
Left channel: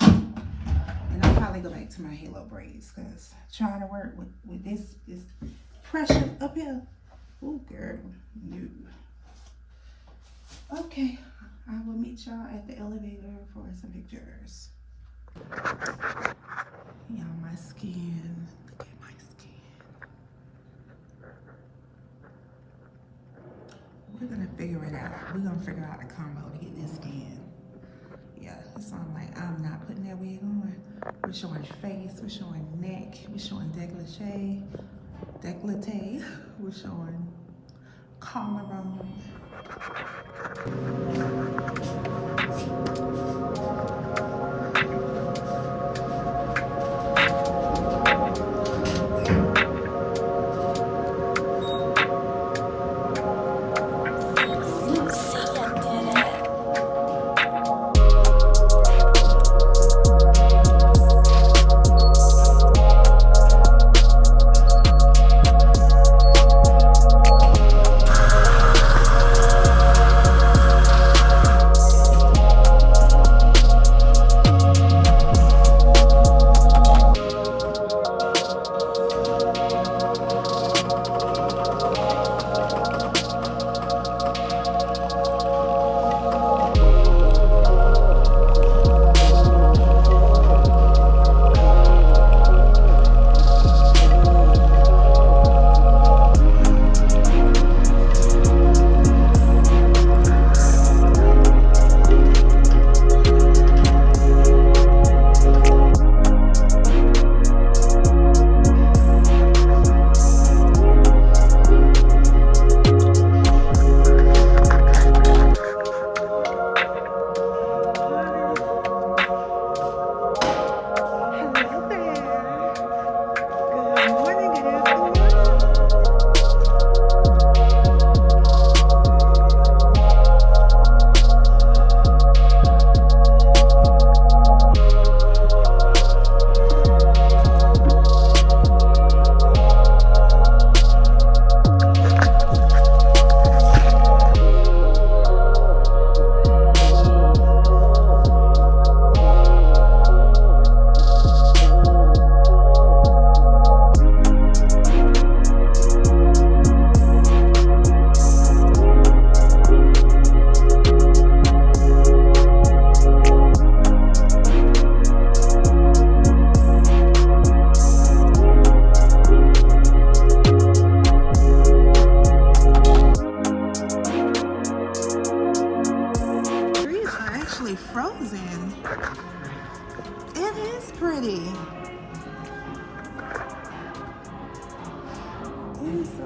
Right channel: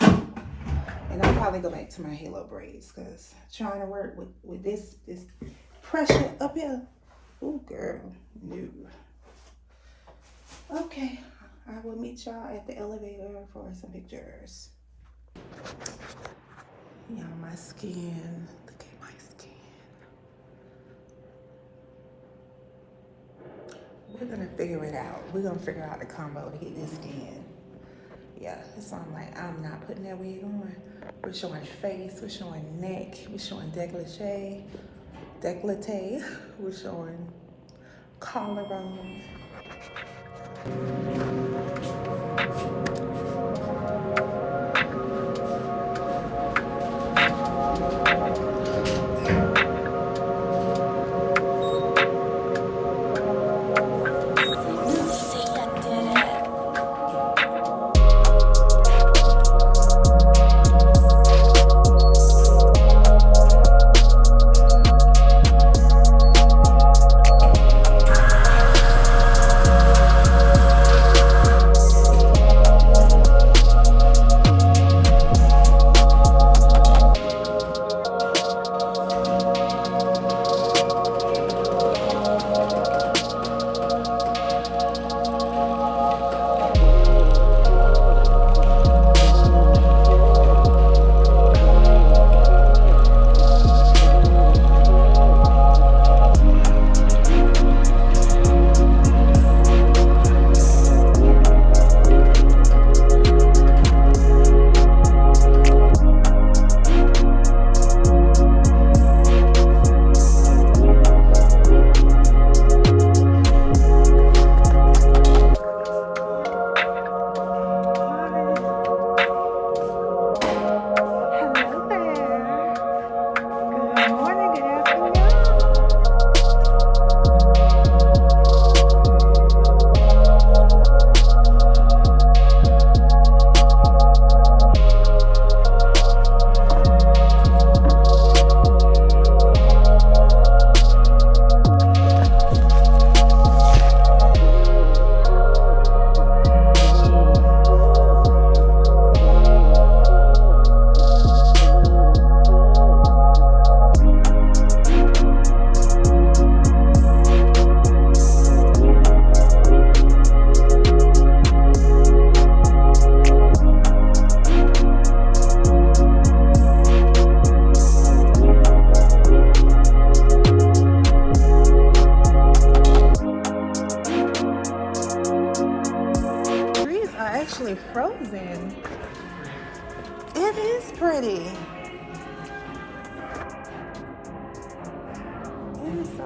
And I'll probably go back to my halo braids because trying to work with this pressure up here. Oh, girl, no. Okay, I will meet y'all at the elevator for some pictures. Y'all, my skin. Look at my skin. We're gonna figure it out. We're gonna figure out the combo to get this skin. Yeah, so I'm like, I'm not putting that wig on. We're showing face, we're showing neck, we're showing décolleté, we're showing collarbone.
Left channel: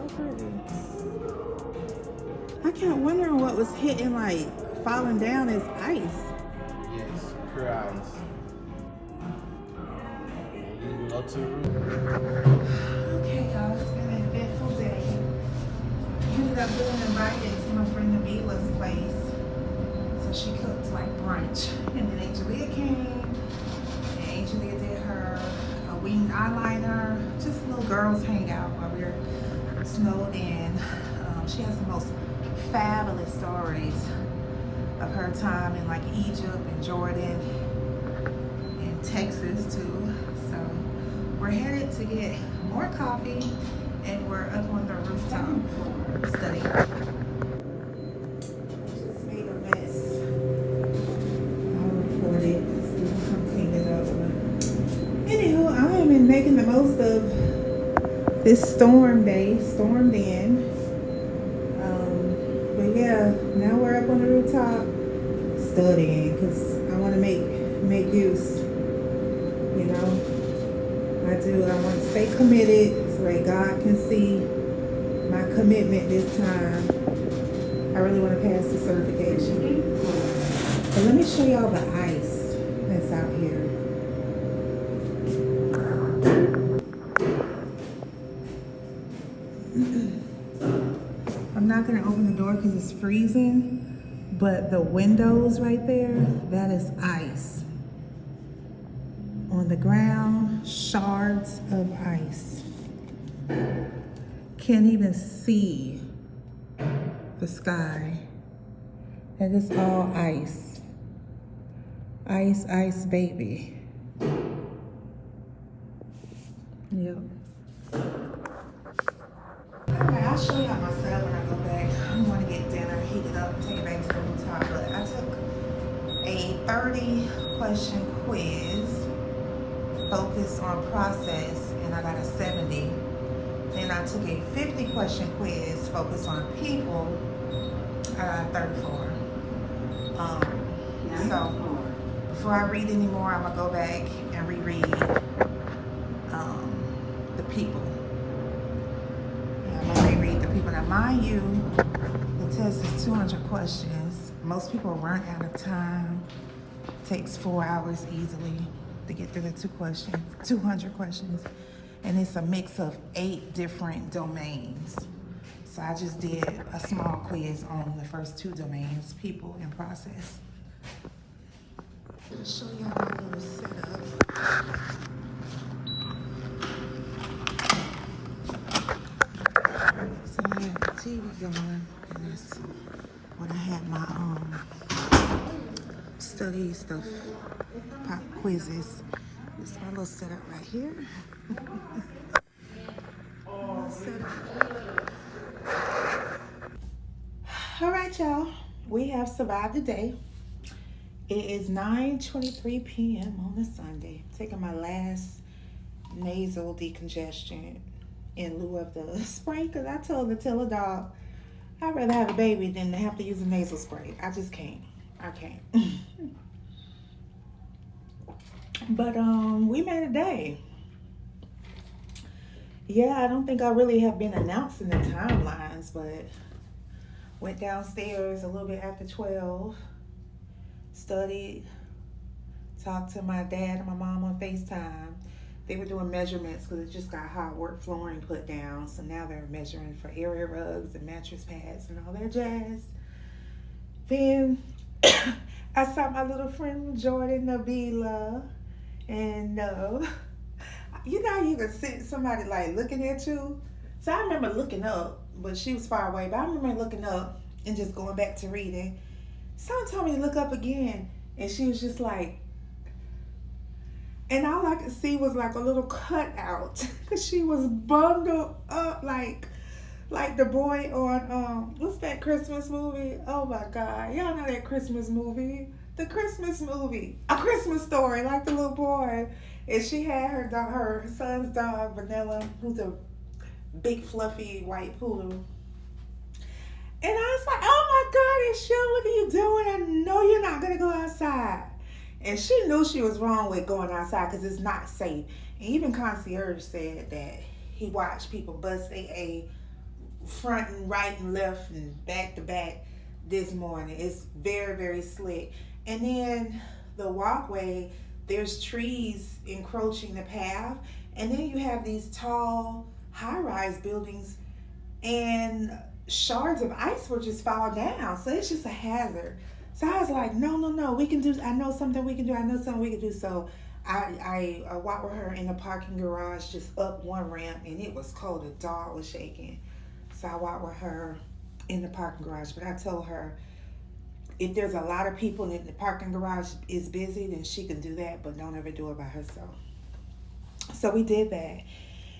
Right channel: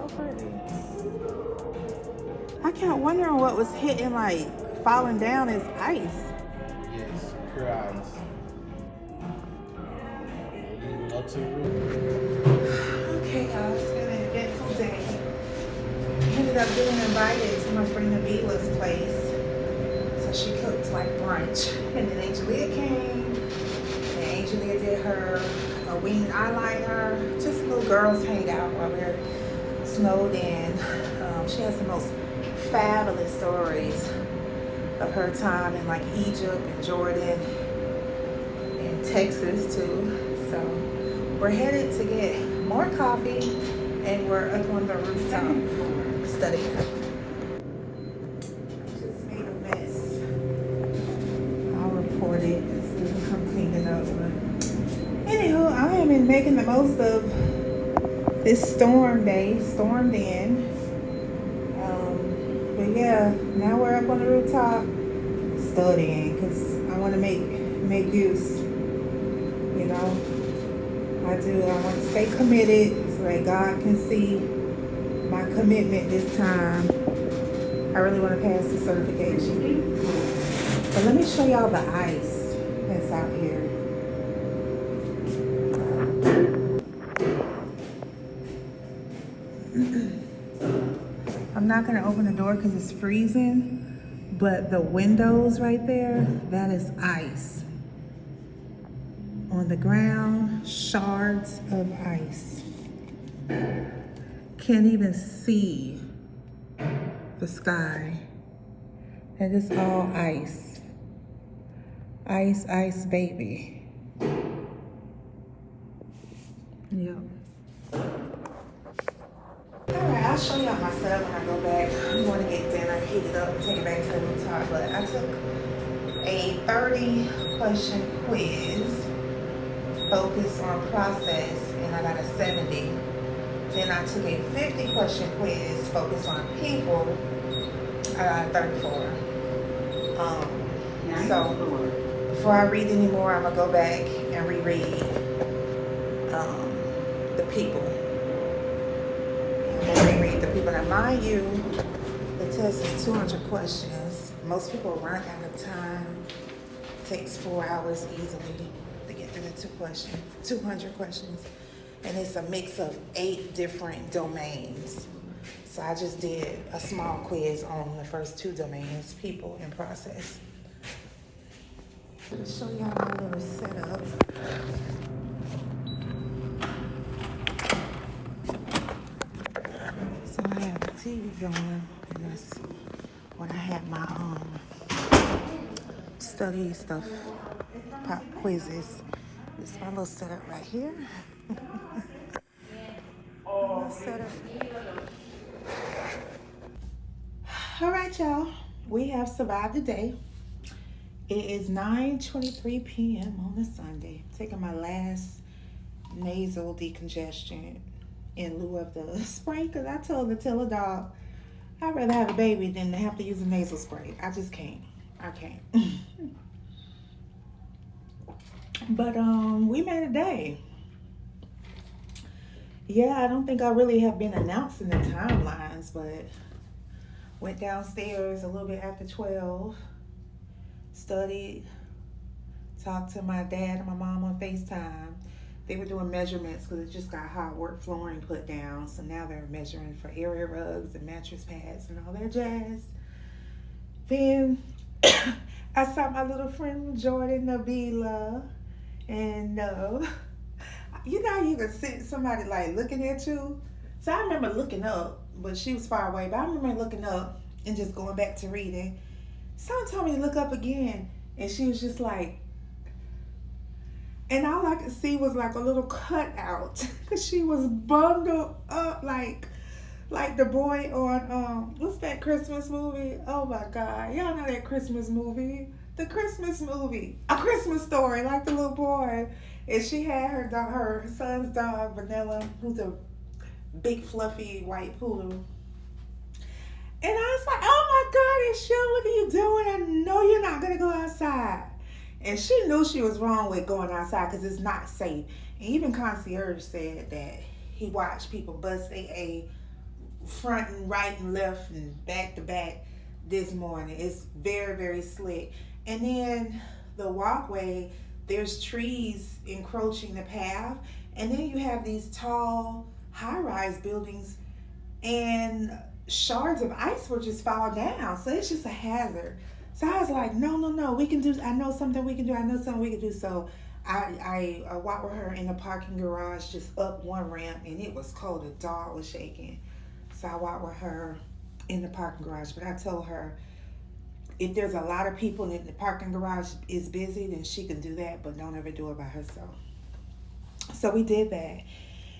so pretty. I kept wondering what was hitting, like falling down as ice. Yes, Cryo. Moving up to the room. Okay, guys, it's been an eventful day. I ended up getting invited to my friend Abila's place. So she cooked like brunch. And then Angelia came. And Angelia did her winged eyeliner. Just little girls hang out while we're snowed in. She has the most fabulous stories of her time in like Egypt and Jordan and Texas too. So we're headed to get more coffee and we're up on the rooftop studying. Just made a mess. I'll report it. So we can come clean it up. But anywho, I am making the most of this storm day, stormed in. But yeah, now we're up on the rooftop studying because I want to make use. You know, I want to stay committed so that God can see my commitment this time. I really want to pass the certification. But let me show y'all the ice that's out here. I'm not going to open the door because it's freezing, but the windows right there, that is ice. On the ground, shards of ice. Can't even see the sky. That is all ice. Ice, ice, baby. Yep. Alright, I'll show y'all my setup when I go back. I'm going to get dinner, heat it up, and take it back to the rooftop. But I took a 30-question quiz focused on process, and I got a 70. Then I took a 50-question quiz focused on people. I got a 34. So before I read anymore, I'm gonna go back and reread the people. I'm gonna reread the people. Now, mind you, the test is 200 questions. Most people run out of time. It takes 4 hours easily to get through the 200 questions. And it's a mix of 8 different domains. So I just did a small quiz on the first 2 domains, people and process. I'll show y'all my little setup. So I have the TV going, and that's when I had my study stuff, pop quizzes. This is my little setup right here. All right, y'all. We have survived the day. It is 9:23 p.m. on a Sunday. Taking my last nasal decongestion in lieu of the spray, because I told the Tiller dog I'd rather have a baby than to have to use a nasal spray. I just can't. I can't. But we made a day. Yeah, I don't think I really have been announcing the timelines, but went downstairs a little bit after 12, studied, talked to my dad and my mom on FaceTime. They were doing measurements because it just got hardwood flooring put down. So now they're measuring for area rugs and mattress pads and all that jazz. Then I saw my little friend Jordan Nabila. And you know, you can see somebody like looking at you. So I remember looking up, but she was far away. But I remember looking up and just going back to reading. Someone told me to look up again. And she was just like, and all I could see was like a little cutout, because she was bundled up like the boy on what's that Christmas movie? Oh my God, y'all know that Christmas movie, the Christmas movie, A Christmas Story, like the little boy. And she had her dog, her son's dog Vanilla, who's a big fluffy white poodle. And I was like, oh my God, Ishelle, what are you doing? I know you're not gonna go outside. And she knew she was wrong with going outside because it's not safe. And even concierge said that he watched people bust a front and right and left and back to back this morning. It's very, very slick. And then the walkway, there's trees encroaching the path. And then you have these tall, high rise buildings, and shards of ice will just fall down. So it's just a hazard. So I was like, no, no, no, we can do, I know something we can do. I know something we can do. So I walked with her in the parking garage, just up one ramp, and it was cold. The dog was shaking. So I walked with her in the parking garage. But I told her, if there's a lot of people in the parking garage is busy, then she can do that, but don't ever do it by herself. So we did that.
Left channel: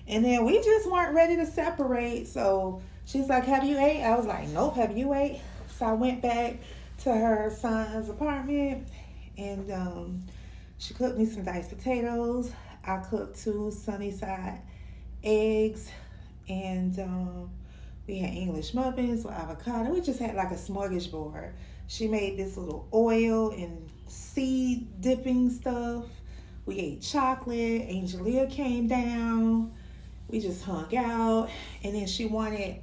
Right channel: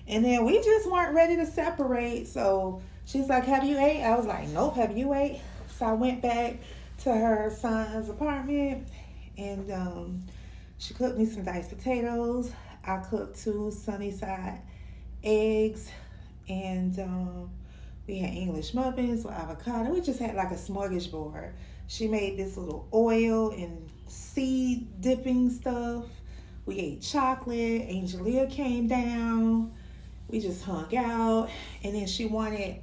And then we just weren't ready to separate. So she's like, have you ate? I was like, nope, have you ate? So I went back to her son's apartment, and she cooked me some diced potatoes. I cooked 2 sunny side eggs, and we had English muffins with avocado. We just had like a smorgasbord. She made this little oil and seed dipping stuff. We ate chocolate. Angelia came down. We just hung out. And then she wanted,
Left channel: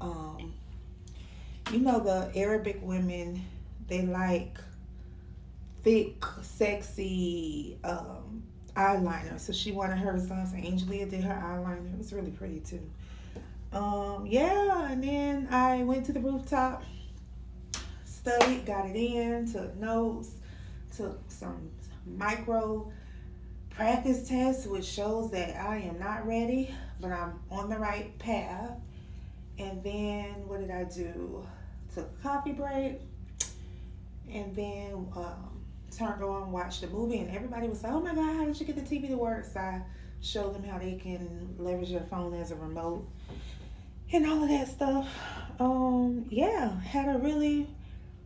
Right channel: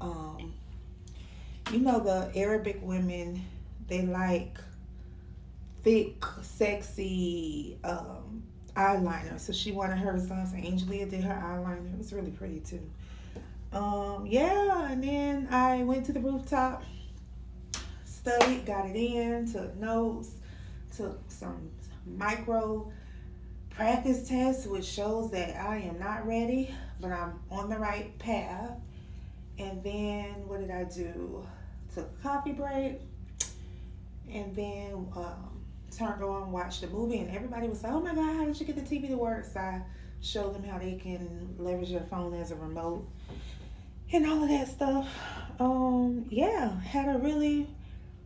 the Arabic women, they like thick, sexy eyeliner. So she wanted hers on. So Angelia did her eyeliner. It was really pretty too. And then I went to the rooftop, studied, got it in, took notes, took some micro practice tests, which shows that I am not ready, but I'm on the right path. And then what did I do? Took a coffee break, and then turned on, watched the movie, and everybody was like, oh my God, how did you get the TV to work? So I showed them how they can leverage their phone as a remote and all of that stuff. Had a really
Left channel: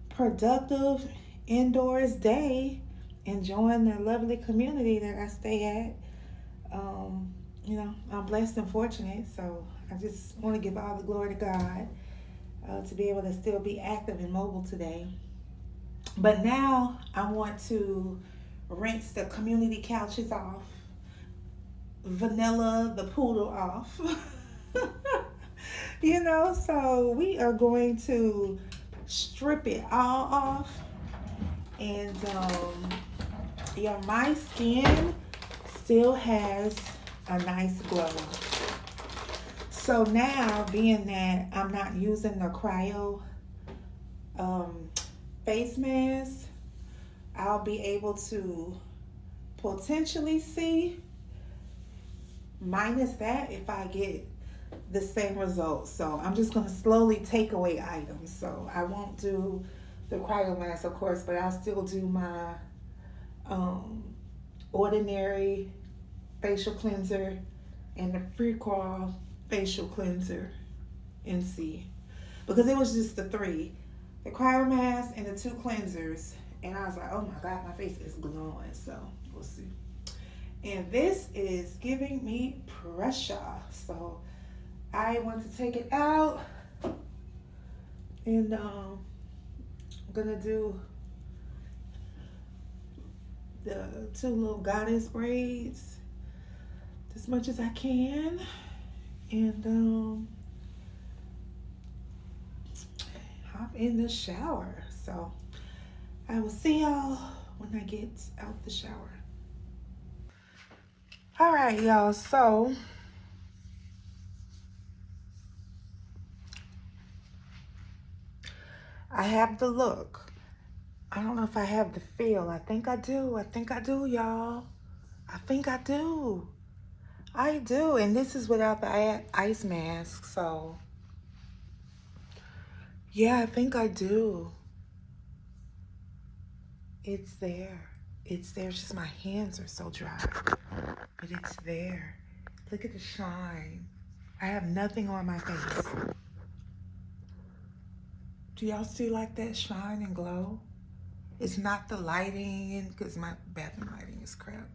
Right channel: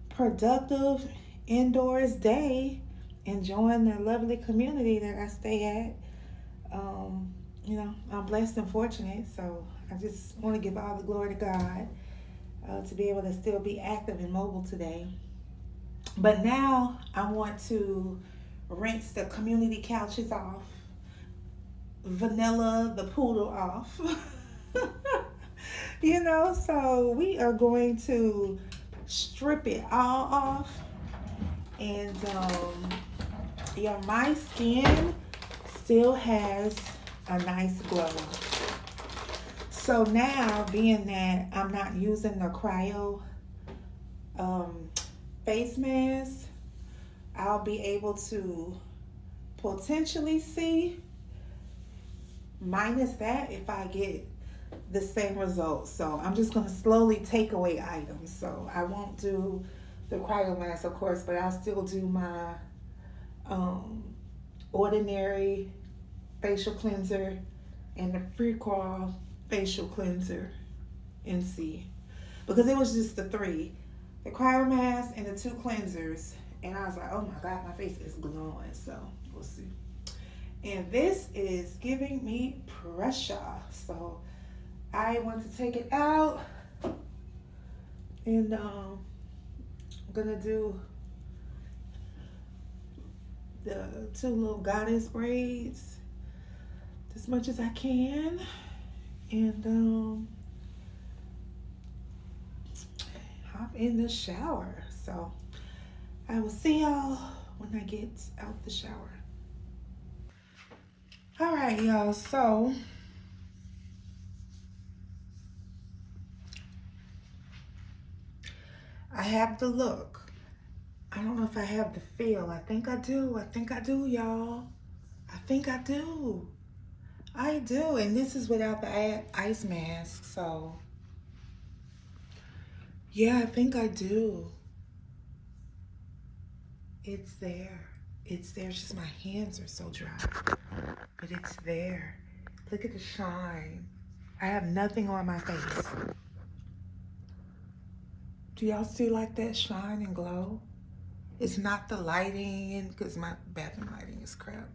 productive indoors day, enjoying the lovely community that I stay at. I'm blessed and fortunate, so I just want to give all the glory to God to be able to still be active and mobile today. But now I want to rinse the community couches off, Vanilla the poodle off. So we are going to strip it all off. And my skin still has a nice glow. So now, being that I'm not using the Cryo face mask, I'll be able to potentially see, minus that, if I get the same results. So I'm just going to slowly take away items. So I won't do the Cryo mask, of course, but I'll still do my ordinary facial cleanser and the Cryo facial cleanser and see. Because it was just the 3. The Cryo mask and the 2 cleansers. And I was like, oh my God, my face is glowing. So we'll see. And this is giving me pressure. So I want to take it out. And I'm going to do the 2 little goddess braids as much as I can. And hop in the shower. So I will see y'all when I get out the shower. All right, y'all. So I have the look. I don't know if I have the feel. I think I do. I think I do, y'all. I think I do. I do. And this is without the ice mask. So yeah, I think I do. It's there. It's there. It's just my hands are so dry. But it's there. Look at the shine. I have nothing on my face. Do y'all see like that shine and glow? It's not the lighting, because my bathroom lighting is crap.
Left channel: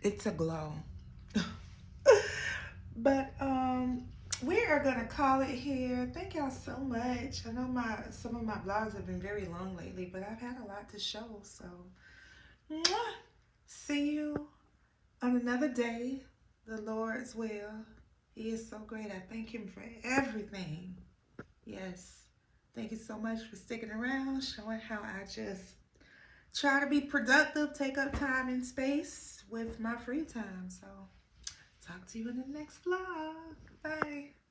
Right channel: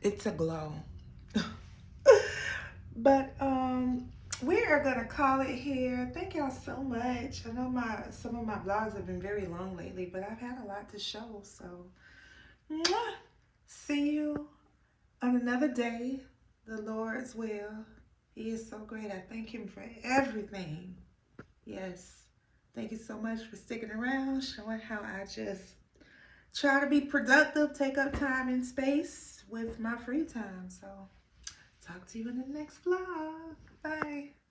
It's a glow. But we are gonna call it here. Thank y'all so much. I know some of my vlogs have been very long lately, but I've had a lot to show. So see you on another day, the Lord's will. He is so great. I thank him for everything. Yes. Thank you so much for sticking around, showing how I just try to be productive, take up time and space with my free time. So, talk to you in the next vlog. Bye.